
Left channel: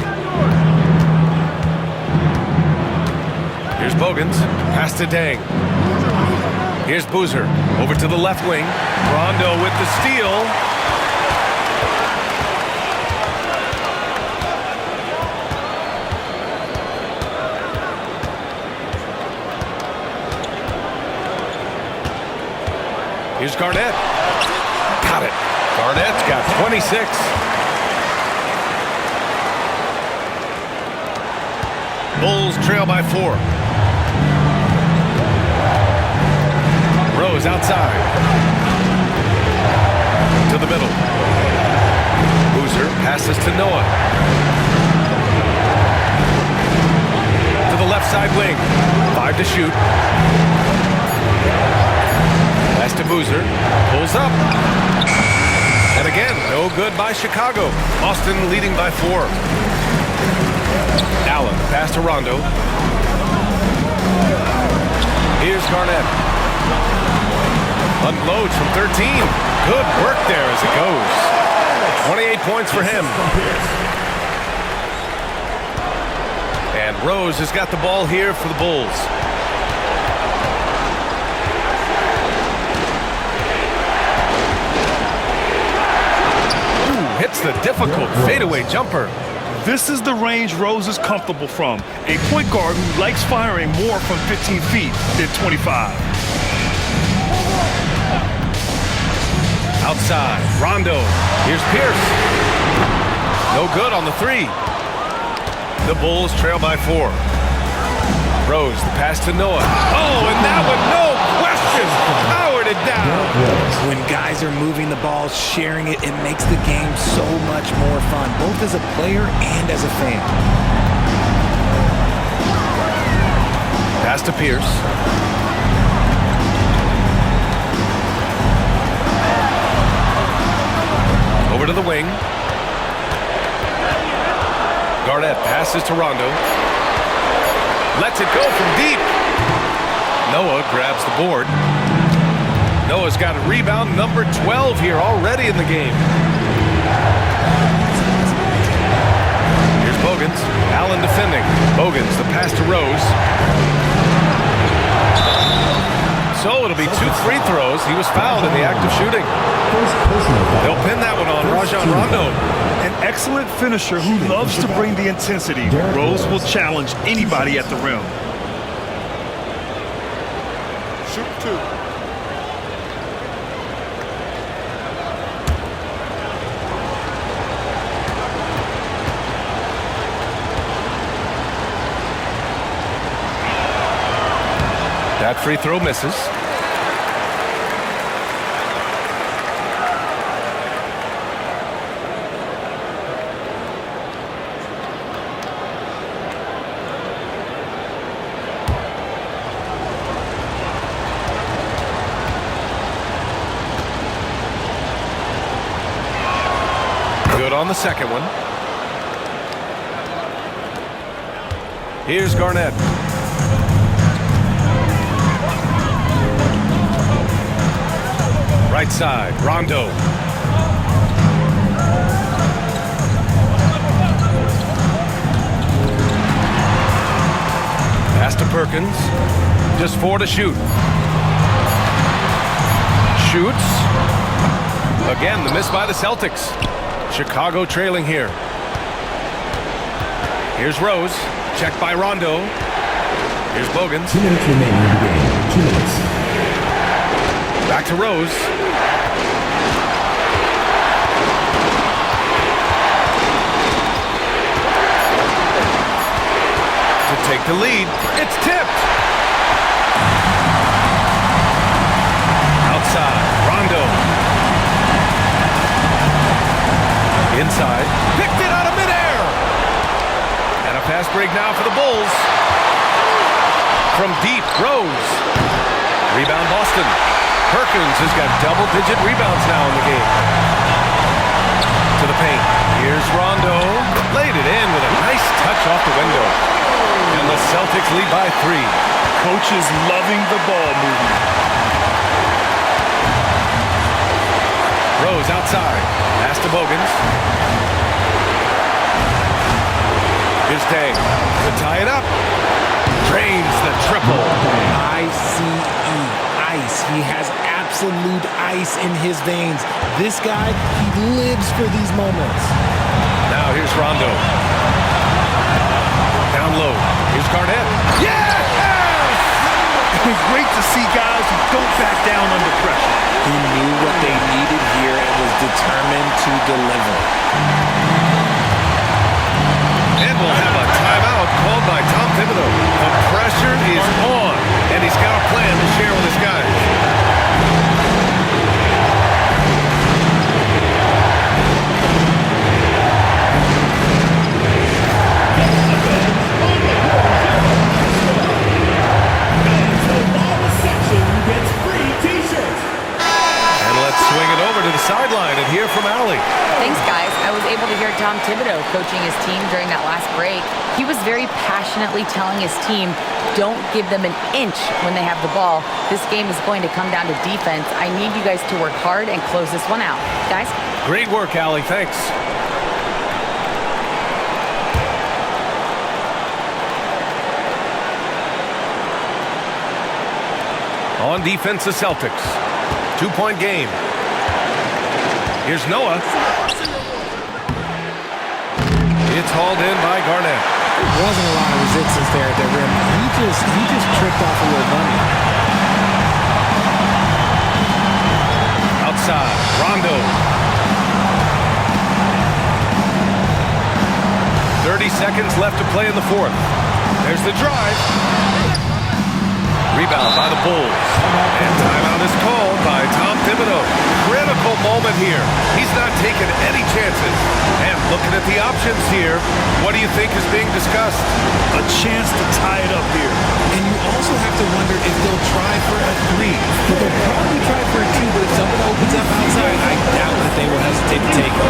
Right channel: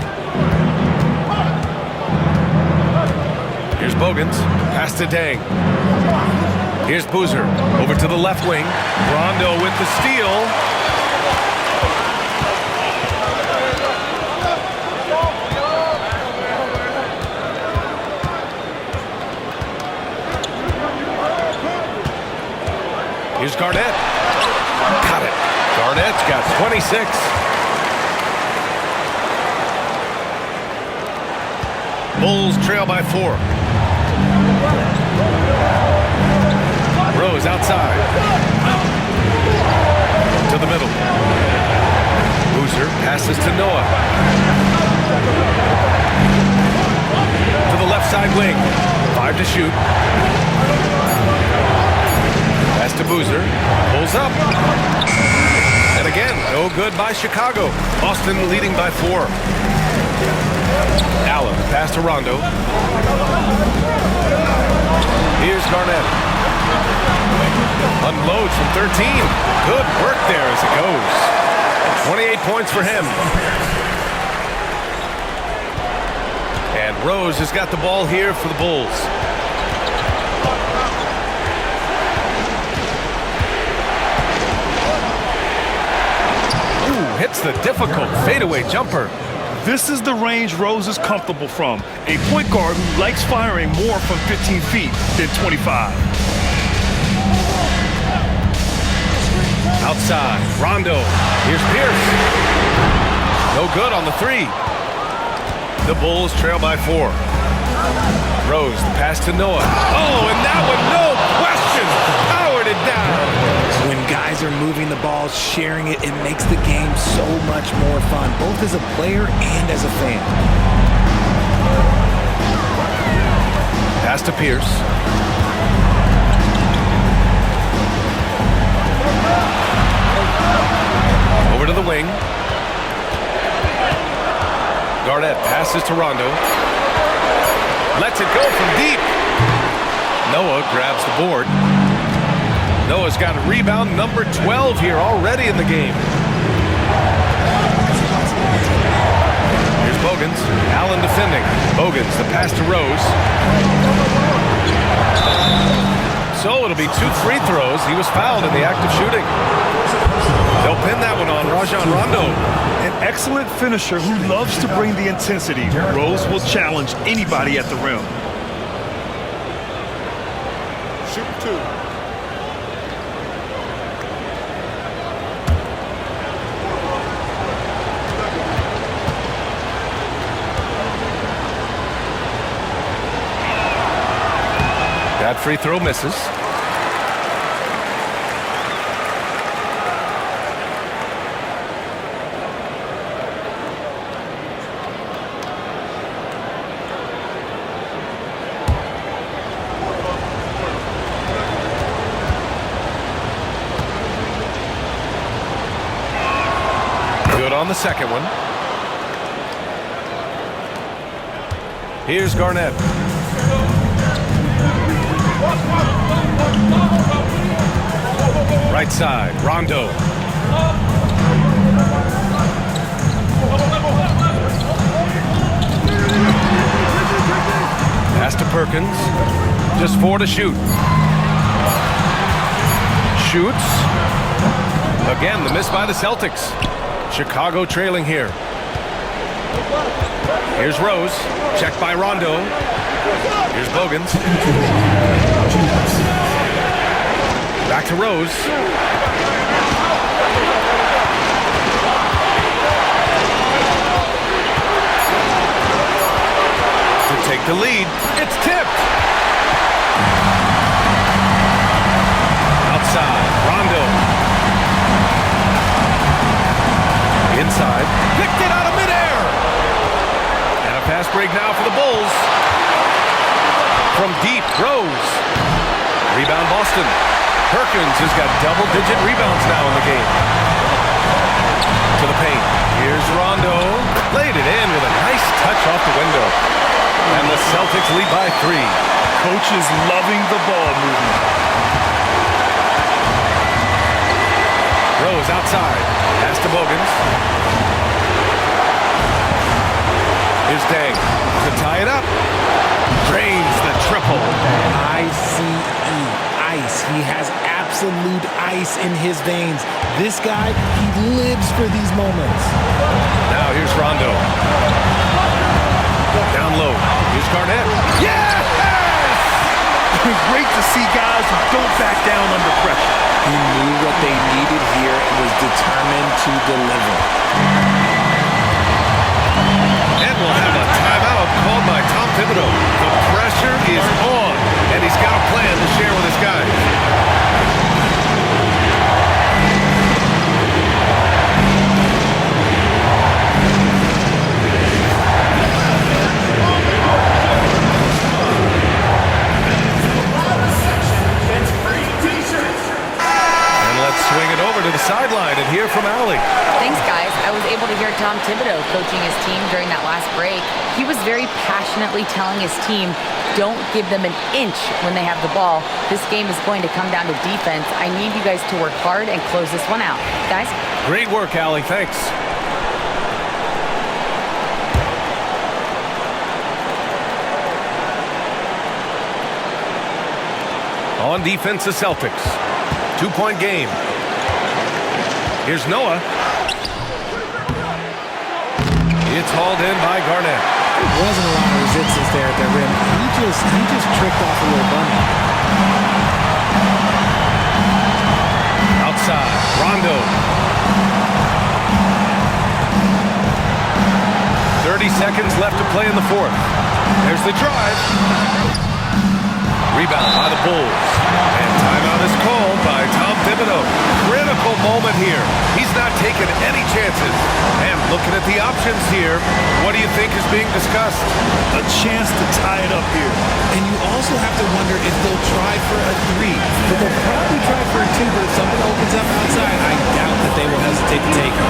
Here's Bogans. Pass to Dang. Here's Boozer. Over to the left wing. Rondo with the steal. Here's Garnett. Got it. Garnett's got 26. Bulls trail by 4. Rose outside. To the middle. Boozer passes to Noah. To the left side wing. 5 to shoot. Pass to Boozer. Pulls up. And again, no good by Chicago. Boston leading by 4. Allen, pass to Rondo. Here's Garnett. Unloads from 13. Good work there as it goes. 28 points for him. And Rose has got the ball here for the Bulls. Ooh, hits the difficult fadeaway jumper. This is the range Rose is comfortable from. A point guard who likes firing more from 15 feet than 25. Outside, Rondo. Here's Pierce. No good on the 3. The Bulls trail by 4. Rose, the pass to Noah. Oh, and that one, no question, powered it down. When guys are moving the ball, sharing it, it makes the game so much more fun, both as a player and as a fan. Pass to Pierce. Over to the wing. Garnett passes to Rondo. Lets it go from deep. Noah grabs the board. Noah's got a rebound, number 12 here already in the game. Here's Bogans. Allen defending. Bogans, the pass to Rose. So it'll be 2 free throws. He was fouled in the act of shooting. They'll pin that one on Rajon Rondo. An excellent finisher who loves to bring the intensity. Rose will challenge anybody at the rim. Shoot 2. That free throw misses. Good on the second one. Here's Garnett. Right side, Rondo. Pass to Perkins. Just 4 to shoot. Shoots. Again, the miss by the Celtics. Chicago trailing here. Here's Rose. Checked by Rondo. Here's Bogans. Back to Rose. To take the lead. It's tipped. Outside. Rondo. Inside. Picked it out of midair. And a fast break now for the Bulls. From deep, Rose. Rebound Boston. Perkins has got double-digit rebounds now in the game. To the paint. Here's Rondo. Laid it in with a nice touch off the window. And the Celtics lead by 3. Coach is loving the ball movement. Rose outside. Pass to Bogans. Here's Dang to tie it up. Drains the triple. I-C-E, ice. He has absolute ice in his veins. This guy, he lives for these moments. Now here's Rondo. Down low. Here's Garnett. Yes! been great to see guys who don't back down under pressure. He knew what they needed here and was determined to deliver. And we'll have a timeout called by Tom Thibodeau. The pressure is on, and he's got a plan to share with his guys. Swing it over to the sideline and hear from Allie. Thanks, guys. I was able to hear Tom Thibodeau coaching his team during that last break. He was very passionately telling his team, don't give them an inch when they have the ball. This game is going to come down to defense. I need you guys to work hard and close this one out. Guys? Great work, Allie. Thanks. On defense, the Celtics. 2-point game. Here's Noah. It's hauled in by Garnett. There wasn't a lot of resistance there at the rim. He just tricked off a little bunny. Outside, Rondo. 30 seconds left to play in the fourth. There's the drive. Rebound by the Bulls. And timeout is called by Tom Thibodeau. Critical moment here. He's not taking any chances. And looking at the options here, what do you think is being discussed? A chance to tie it up here. And you also have to wonder if they'll try for a three. But they'll probably try for a two, but if something opens up outside, I doubt that they will hesitate to take it.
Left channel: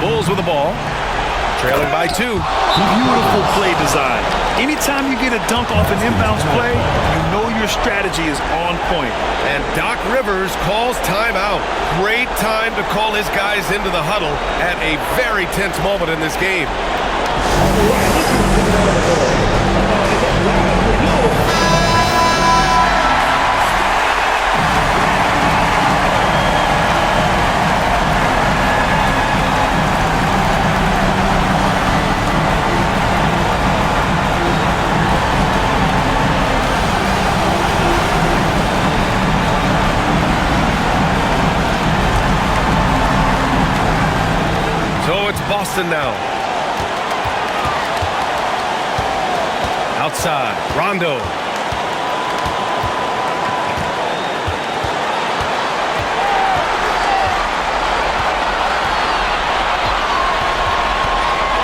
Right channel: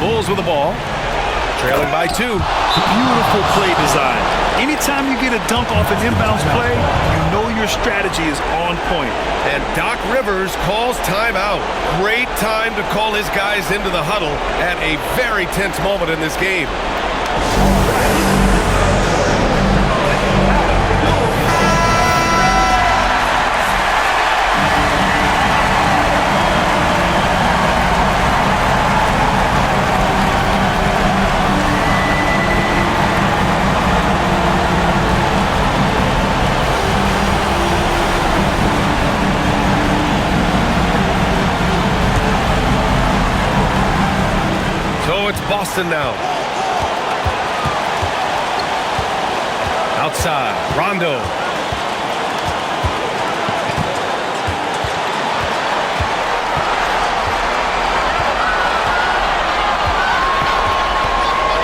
Bulls with the ball, trailing by 2. Beautiful play design. Anytime you get a dunk off an inbounds play, you know your strategy is on point. And Doc Rivers calls timeout. Great time to call his guys into the huddle at a very tense moment in this game. So it's Boston now. Outside, Rondo.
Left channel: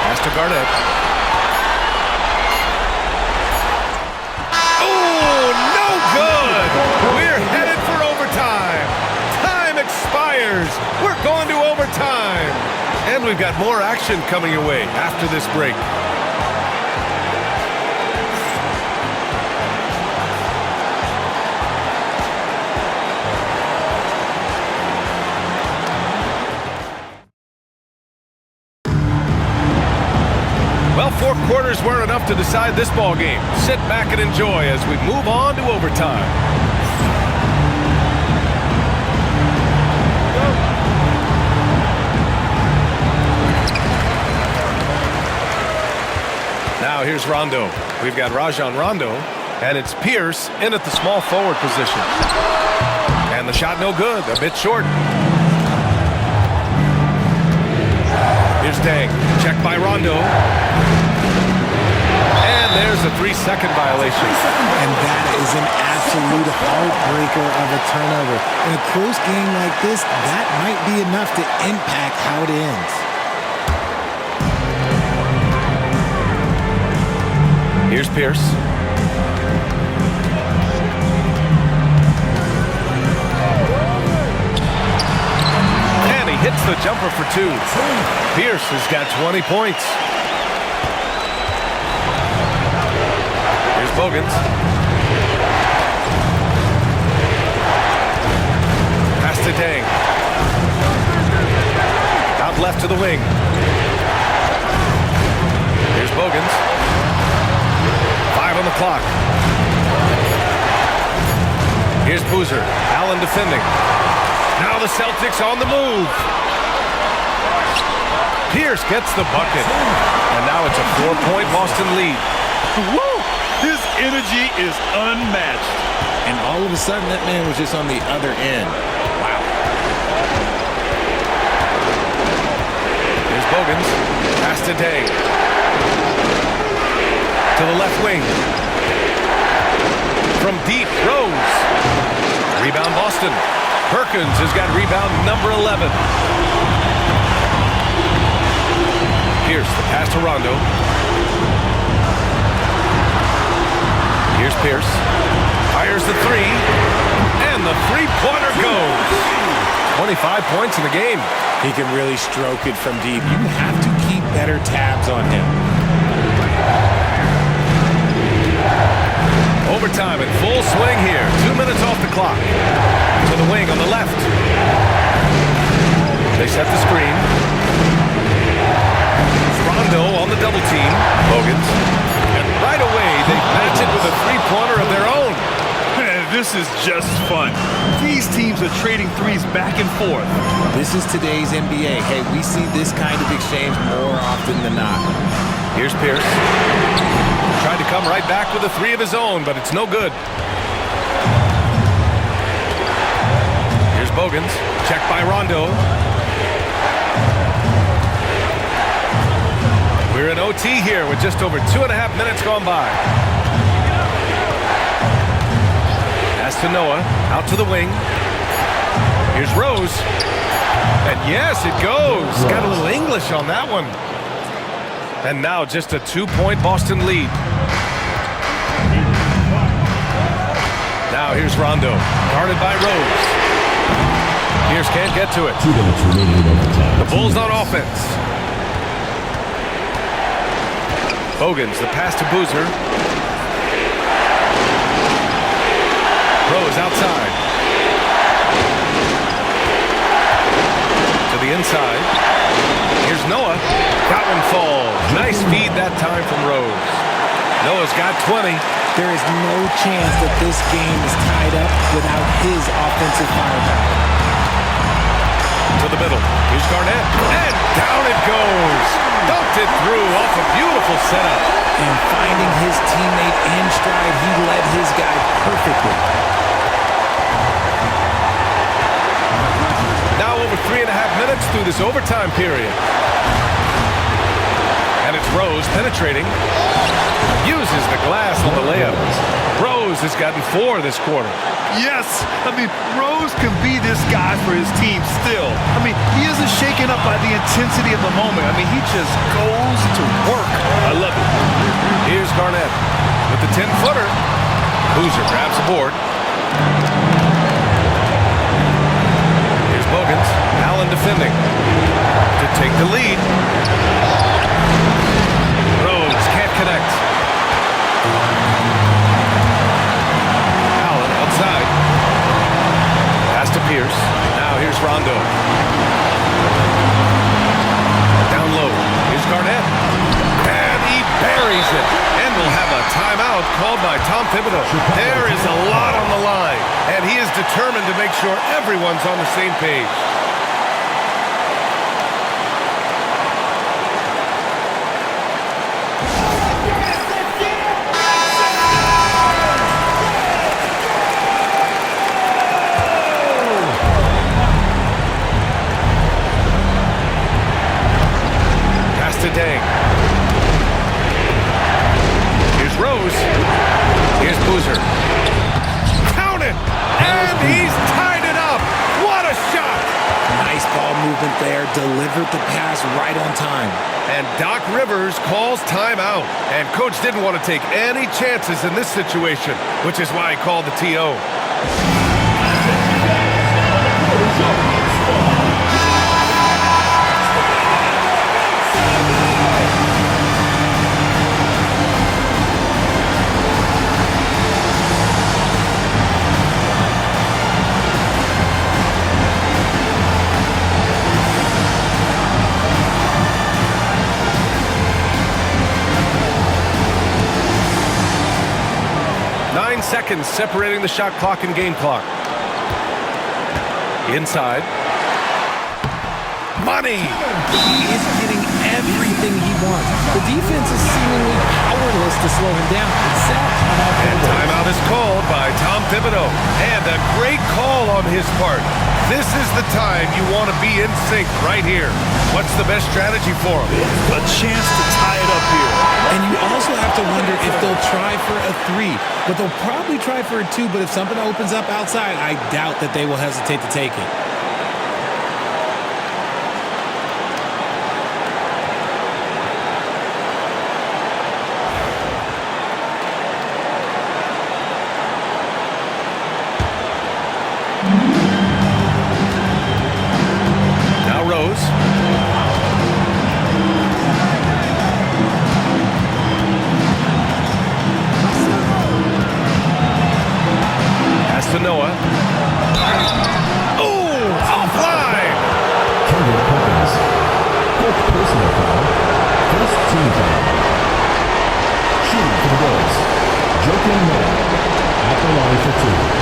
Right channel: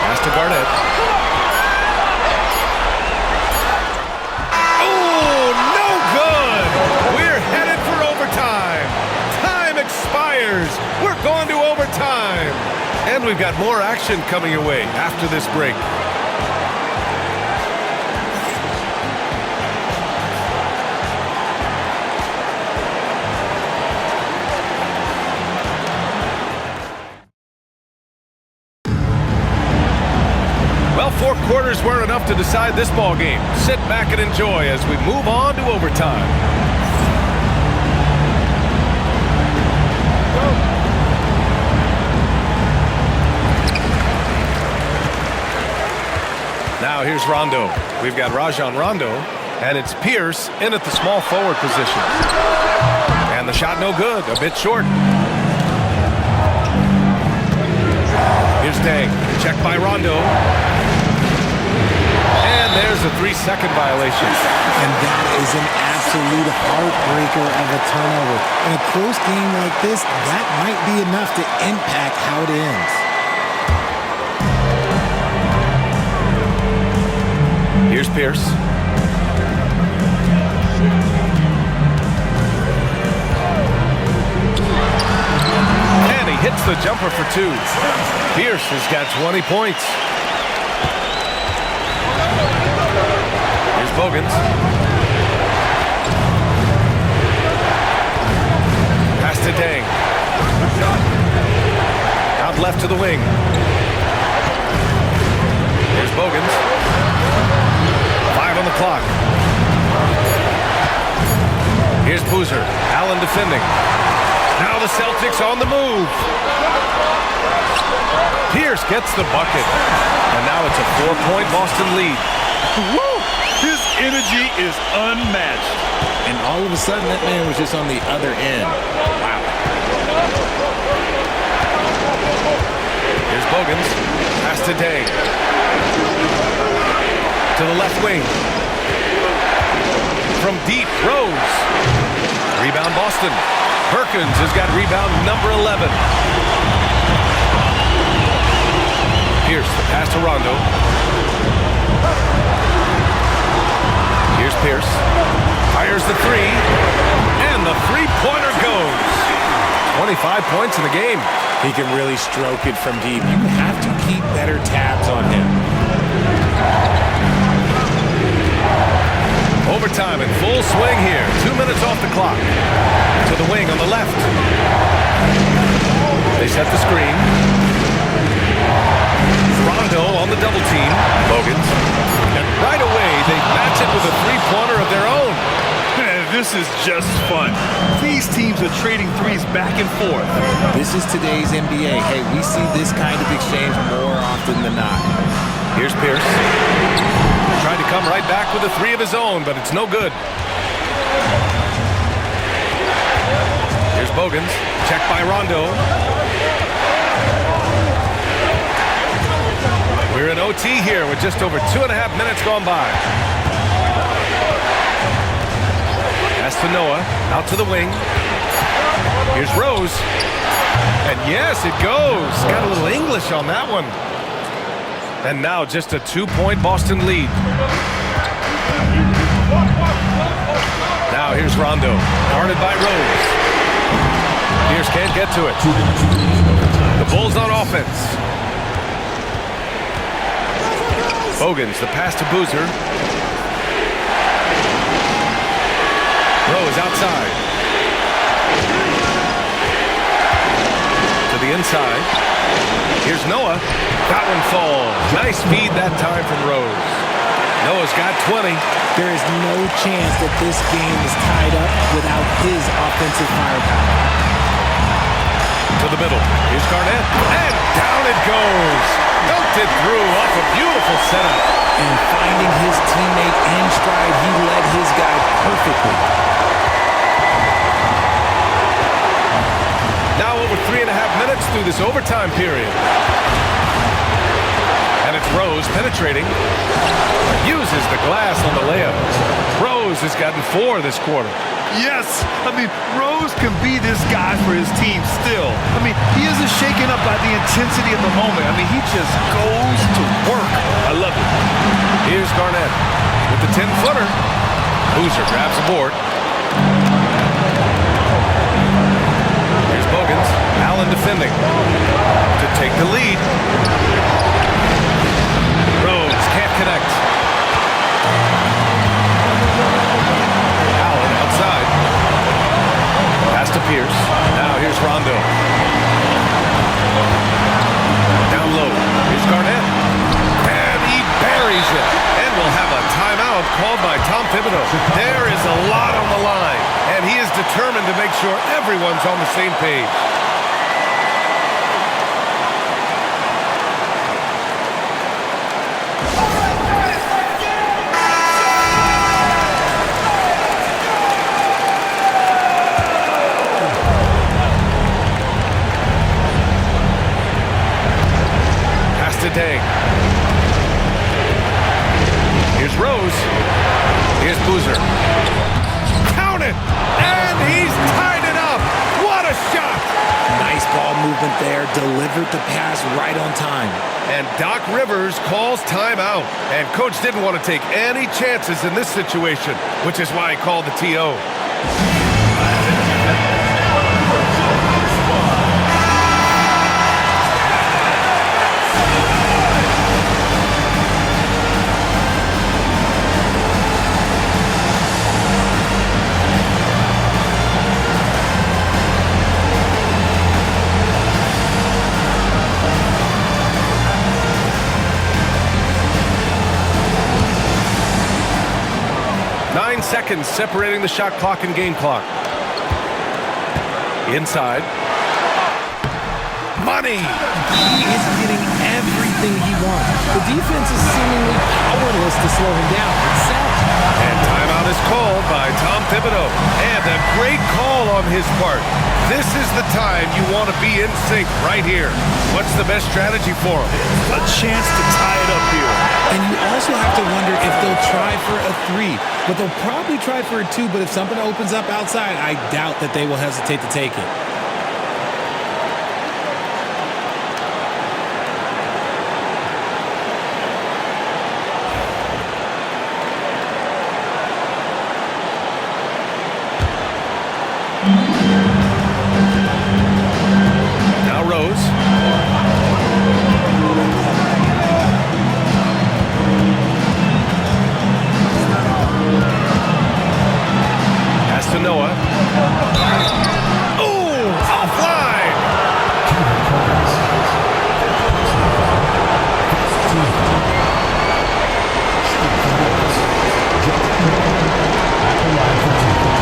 Pass to Garnett. Oh, no good! We're headed for overtime. Time expires. We're going to overtime. And we've got more action coming your way after this break. Well, 4 quarters weren't enough to decide this ball game. Sit back and enjoy as we move on to overtime. Now here's Rondo. We've got Rajon Rondo, and it's Pierce in at the small forward position. And the shot no good, a bit short. Here's Dang, checked by Rondo. And there's a 3-second violation. And that is an absolute heartbreaker of a turnover. In a close game like this, that might be enough to impact how it ends. Here's Pierce. And he hits the jumper for 2. Pierce has got 20 points. Here's Bogans. to Dang. Out left to the wing. Here's Bogans. 5 on the clock. Here's Boozer. Allen defending. Now the Celtics on the move. Pierce gets the bucket. And now it's a 4-point Boston lead. Woo! His energy is unmatched. And all of a sudden, that man was just on the other end. Wow. Here's Bogans. Pass to Day. To the left wing. From deep, Rose. Rebound Boston. Perkins has got rebound number 11. Pierce, the pass to Rondo. Here's Pierce. Fires the three. And the three-pointer goes. 25 points in the game. He can really stroke it from deep. You have to keep better tabs on him. Overtime in full swing here. 2 minutes off the clock. To the wing on the left. They set the screen. Rondo on the double team. Bogans. And right away, they match it with a three-pointer of their own. Man, this is just fun. These teams are trading threes back and forth. This is today's NBA. Hey, we see this kind of exchange more often than not. Here's Pierce. Tried to come right back with a three of his own, but it's no good. Here's Bogans. Checked by Rondo. We're in OT here with just over 2.5 minutes gone by. Pass to Noah. Out to the wing. Here's Rose. And yes, it goes. Got a little English on that one. And now just a 2-point Boston lead. Now here's Rondo. Guarded by Rose. Pierce can't get to it. 2 minutes remaining in overtime. The Bulls on offense. Bogans, the pass to Boozer. Rose outside. To the inside. Here's Noah. That one falls. Nice feed that time from Rose. Noah's got 20. There is no chance that this game is tied up without his offensive firepower. To the middle. Here's Garnett. And down it goes. Dunked it through off a beautiful setup. And finding his teammate in stride, he led his guy perfectly. Now over 3.5 minutes through this overtime period. And it's Rose penetrating. Uses the glass on the layup. Rose has gotten 4 this quarter. Yes, I mean, Rose can be this guy for his team still. I mean, he isn't shaken up by the intensity of the moment. I mean, he just goes to work. I love it. Here's Garnett with the 10-footer. Boozer grabs a board. Here's Bogans. Allen defending to take the lead. Rose can't connect. Allen outside. Pass to Pierce. Now here's Rondo. Down low. Here's Garnett. And he buries it. And we'll have a timeout called by Tom Thibodeau. There is a lot on the line. And he is determined to make sure everyone's on the same page. To Dang. Here's Rose. Here's Boozer. Count it! And he's tied it up! What a shot! Nice ball movement there. Delivered the pass right on time. And Doc Rivers calls timeout. And Coach didn't want to take any chances in this situation, which is why he called the TO. seconds separating the shot clock and game clock. Inside. Money! He is getting everything he wants. The defense is seemingly powerless to slow him down. It's set. And timeout is called by Tom Thibodeau. And a great call on his part. This is the time you want to be in sync right here. What's the best strategy for him? A chance to tie it up here. And you also have to wonder if they'll try for a 3. But they'll probably try for a 2. But if something opens up outside, I doubt that they will hesitate to take it. Now Rose. Pass to Noah. Oh, offline. Kendrick Perkins. Fifth personal foul. First team foul. Shooting for the Wolves. Joakim Noah. At the line for 2.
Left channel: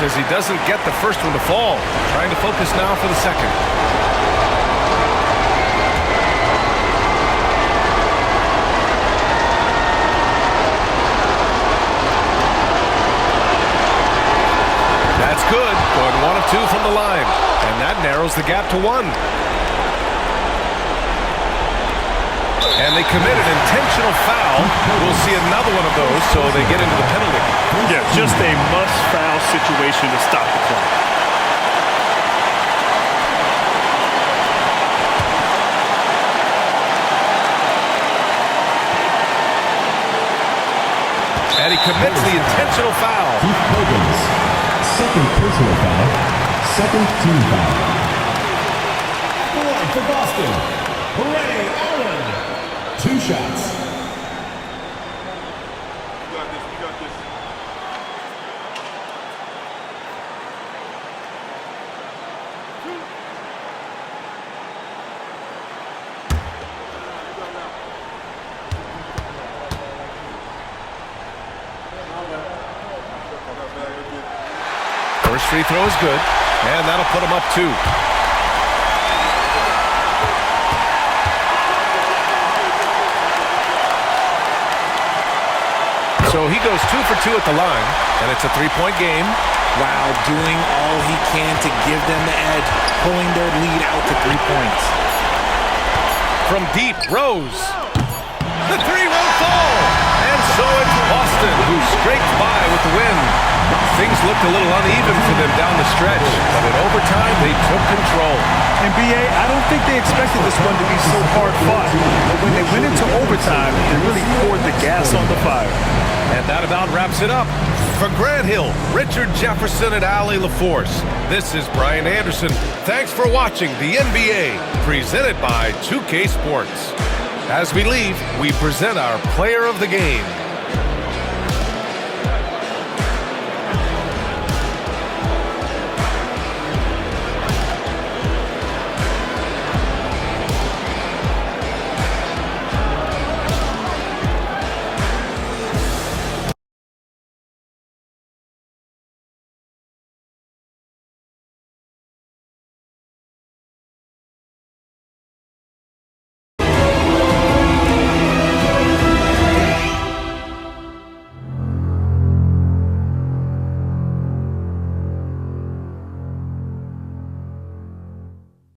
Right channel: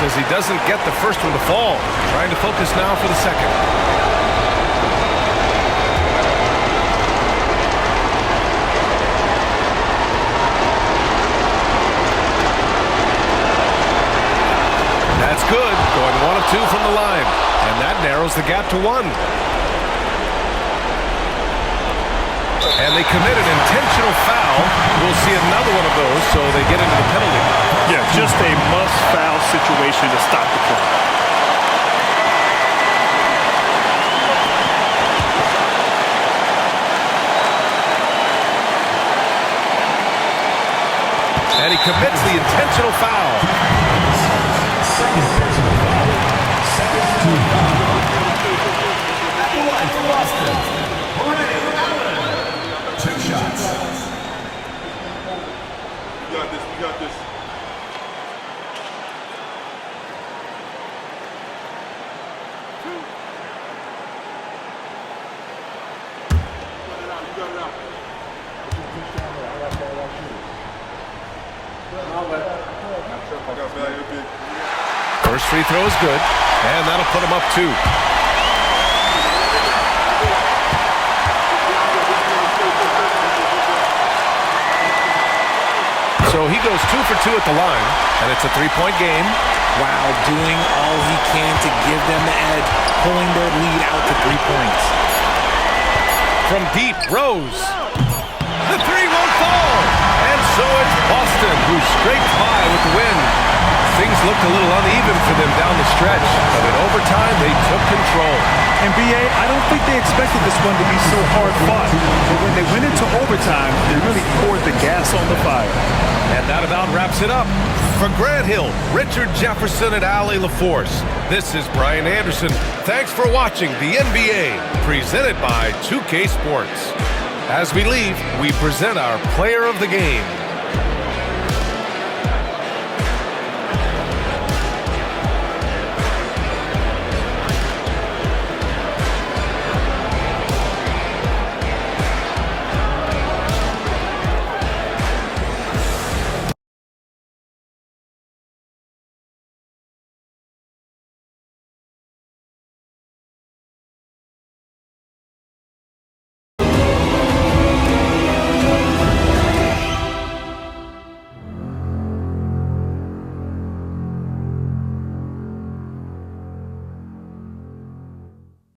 As he doesn't get the first one to fall. Trying to focus now for the second. That's good. Going 1 of 2 from the line. And that narrows the gap to 1. And they commit an intentional foul. We'll see another one of those, so they get into the penalty. Yeah, just a must-foul situation to stop the clock. And he commits the intentional foul. Second personal foul. Second team foul. At the line for Boston, Ray Allen. 2 shots. We got this. We got this. First free throw is good, and that'll put him up 2. So he goes 2 for 2 at the line, and it's a 3-point game. Wow, doing all he can to give them the edge, pulling their lead out to 3 points. From deep, Rose. The 3 won't fall. And so it's Boston who scraped by with the win. Things looked a little uneven for them down the stretch, but in overtime, they took control. And BA, I don't think they expected this one to be so hard fought. But when they went into overtime, they really poured the gas on the fire. And that about wraps it up. For Grant Hill, Richard Jefferson, and Allie LaForce, this is Brian Anderson. Thanks for watching the NBA, presented by 2K Sports. As we leave, we present our player of the game.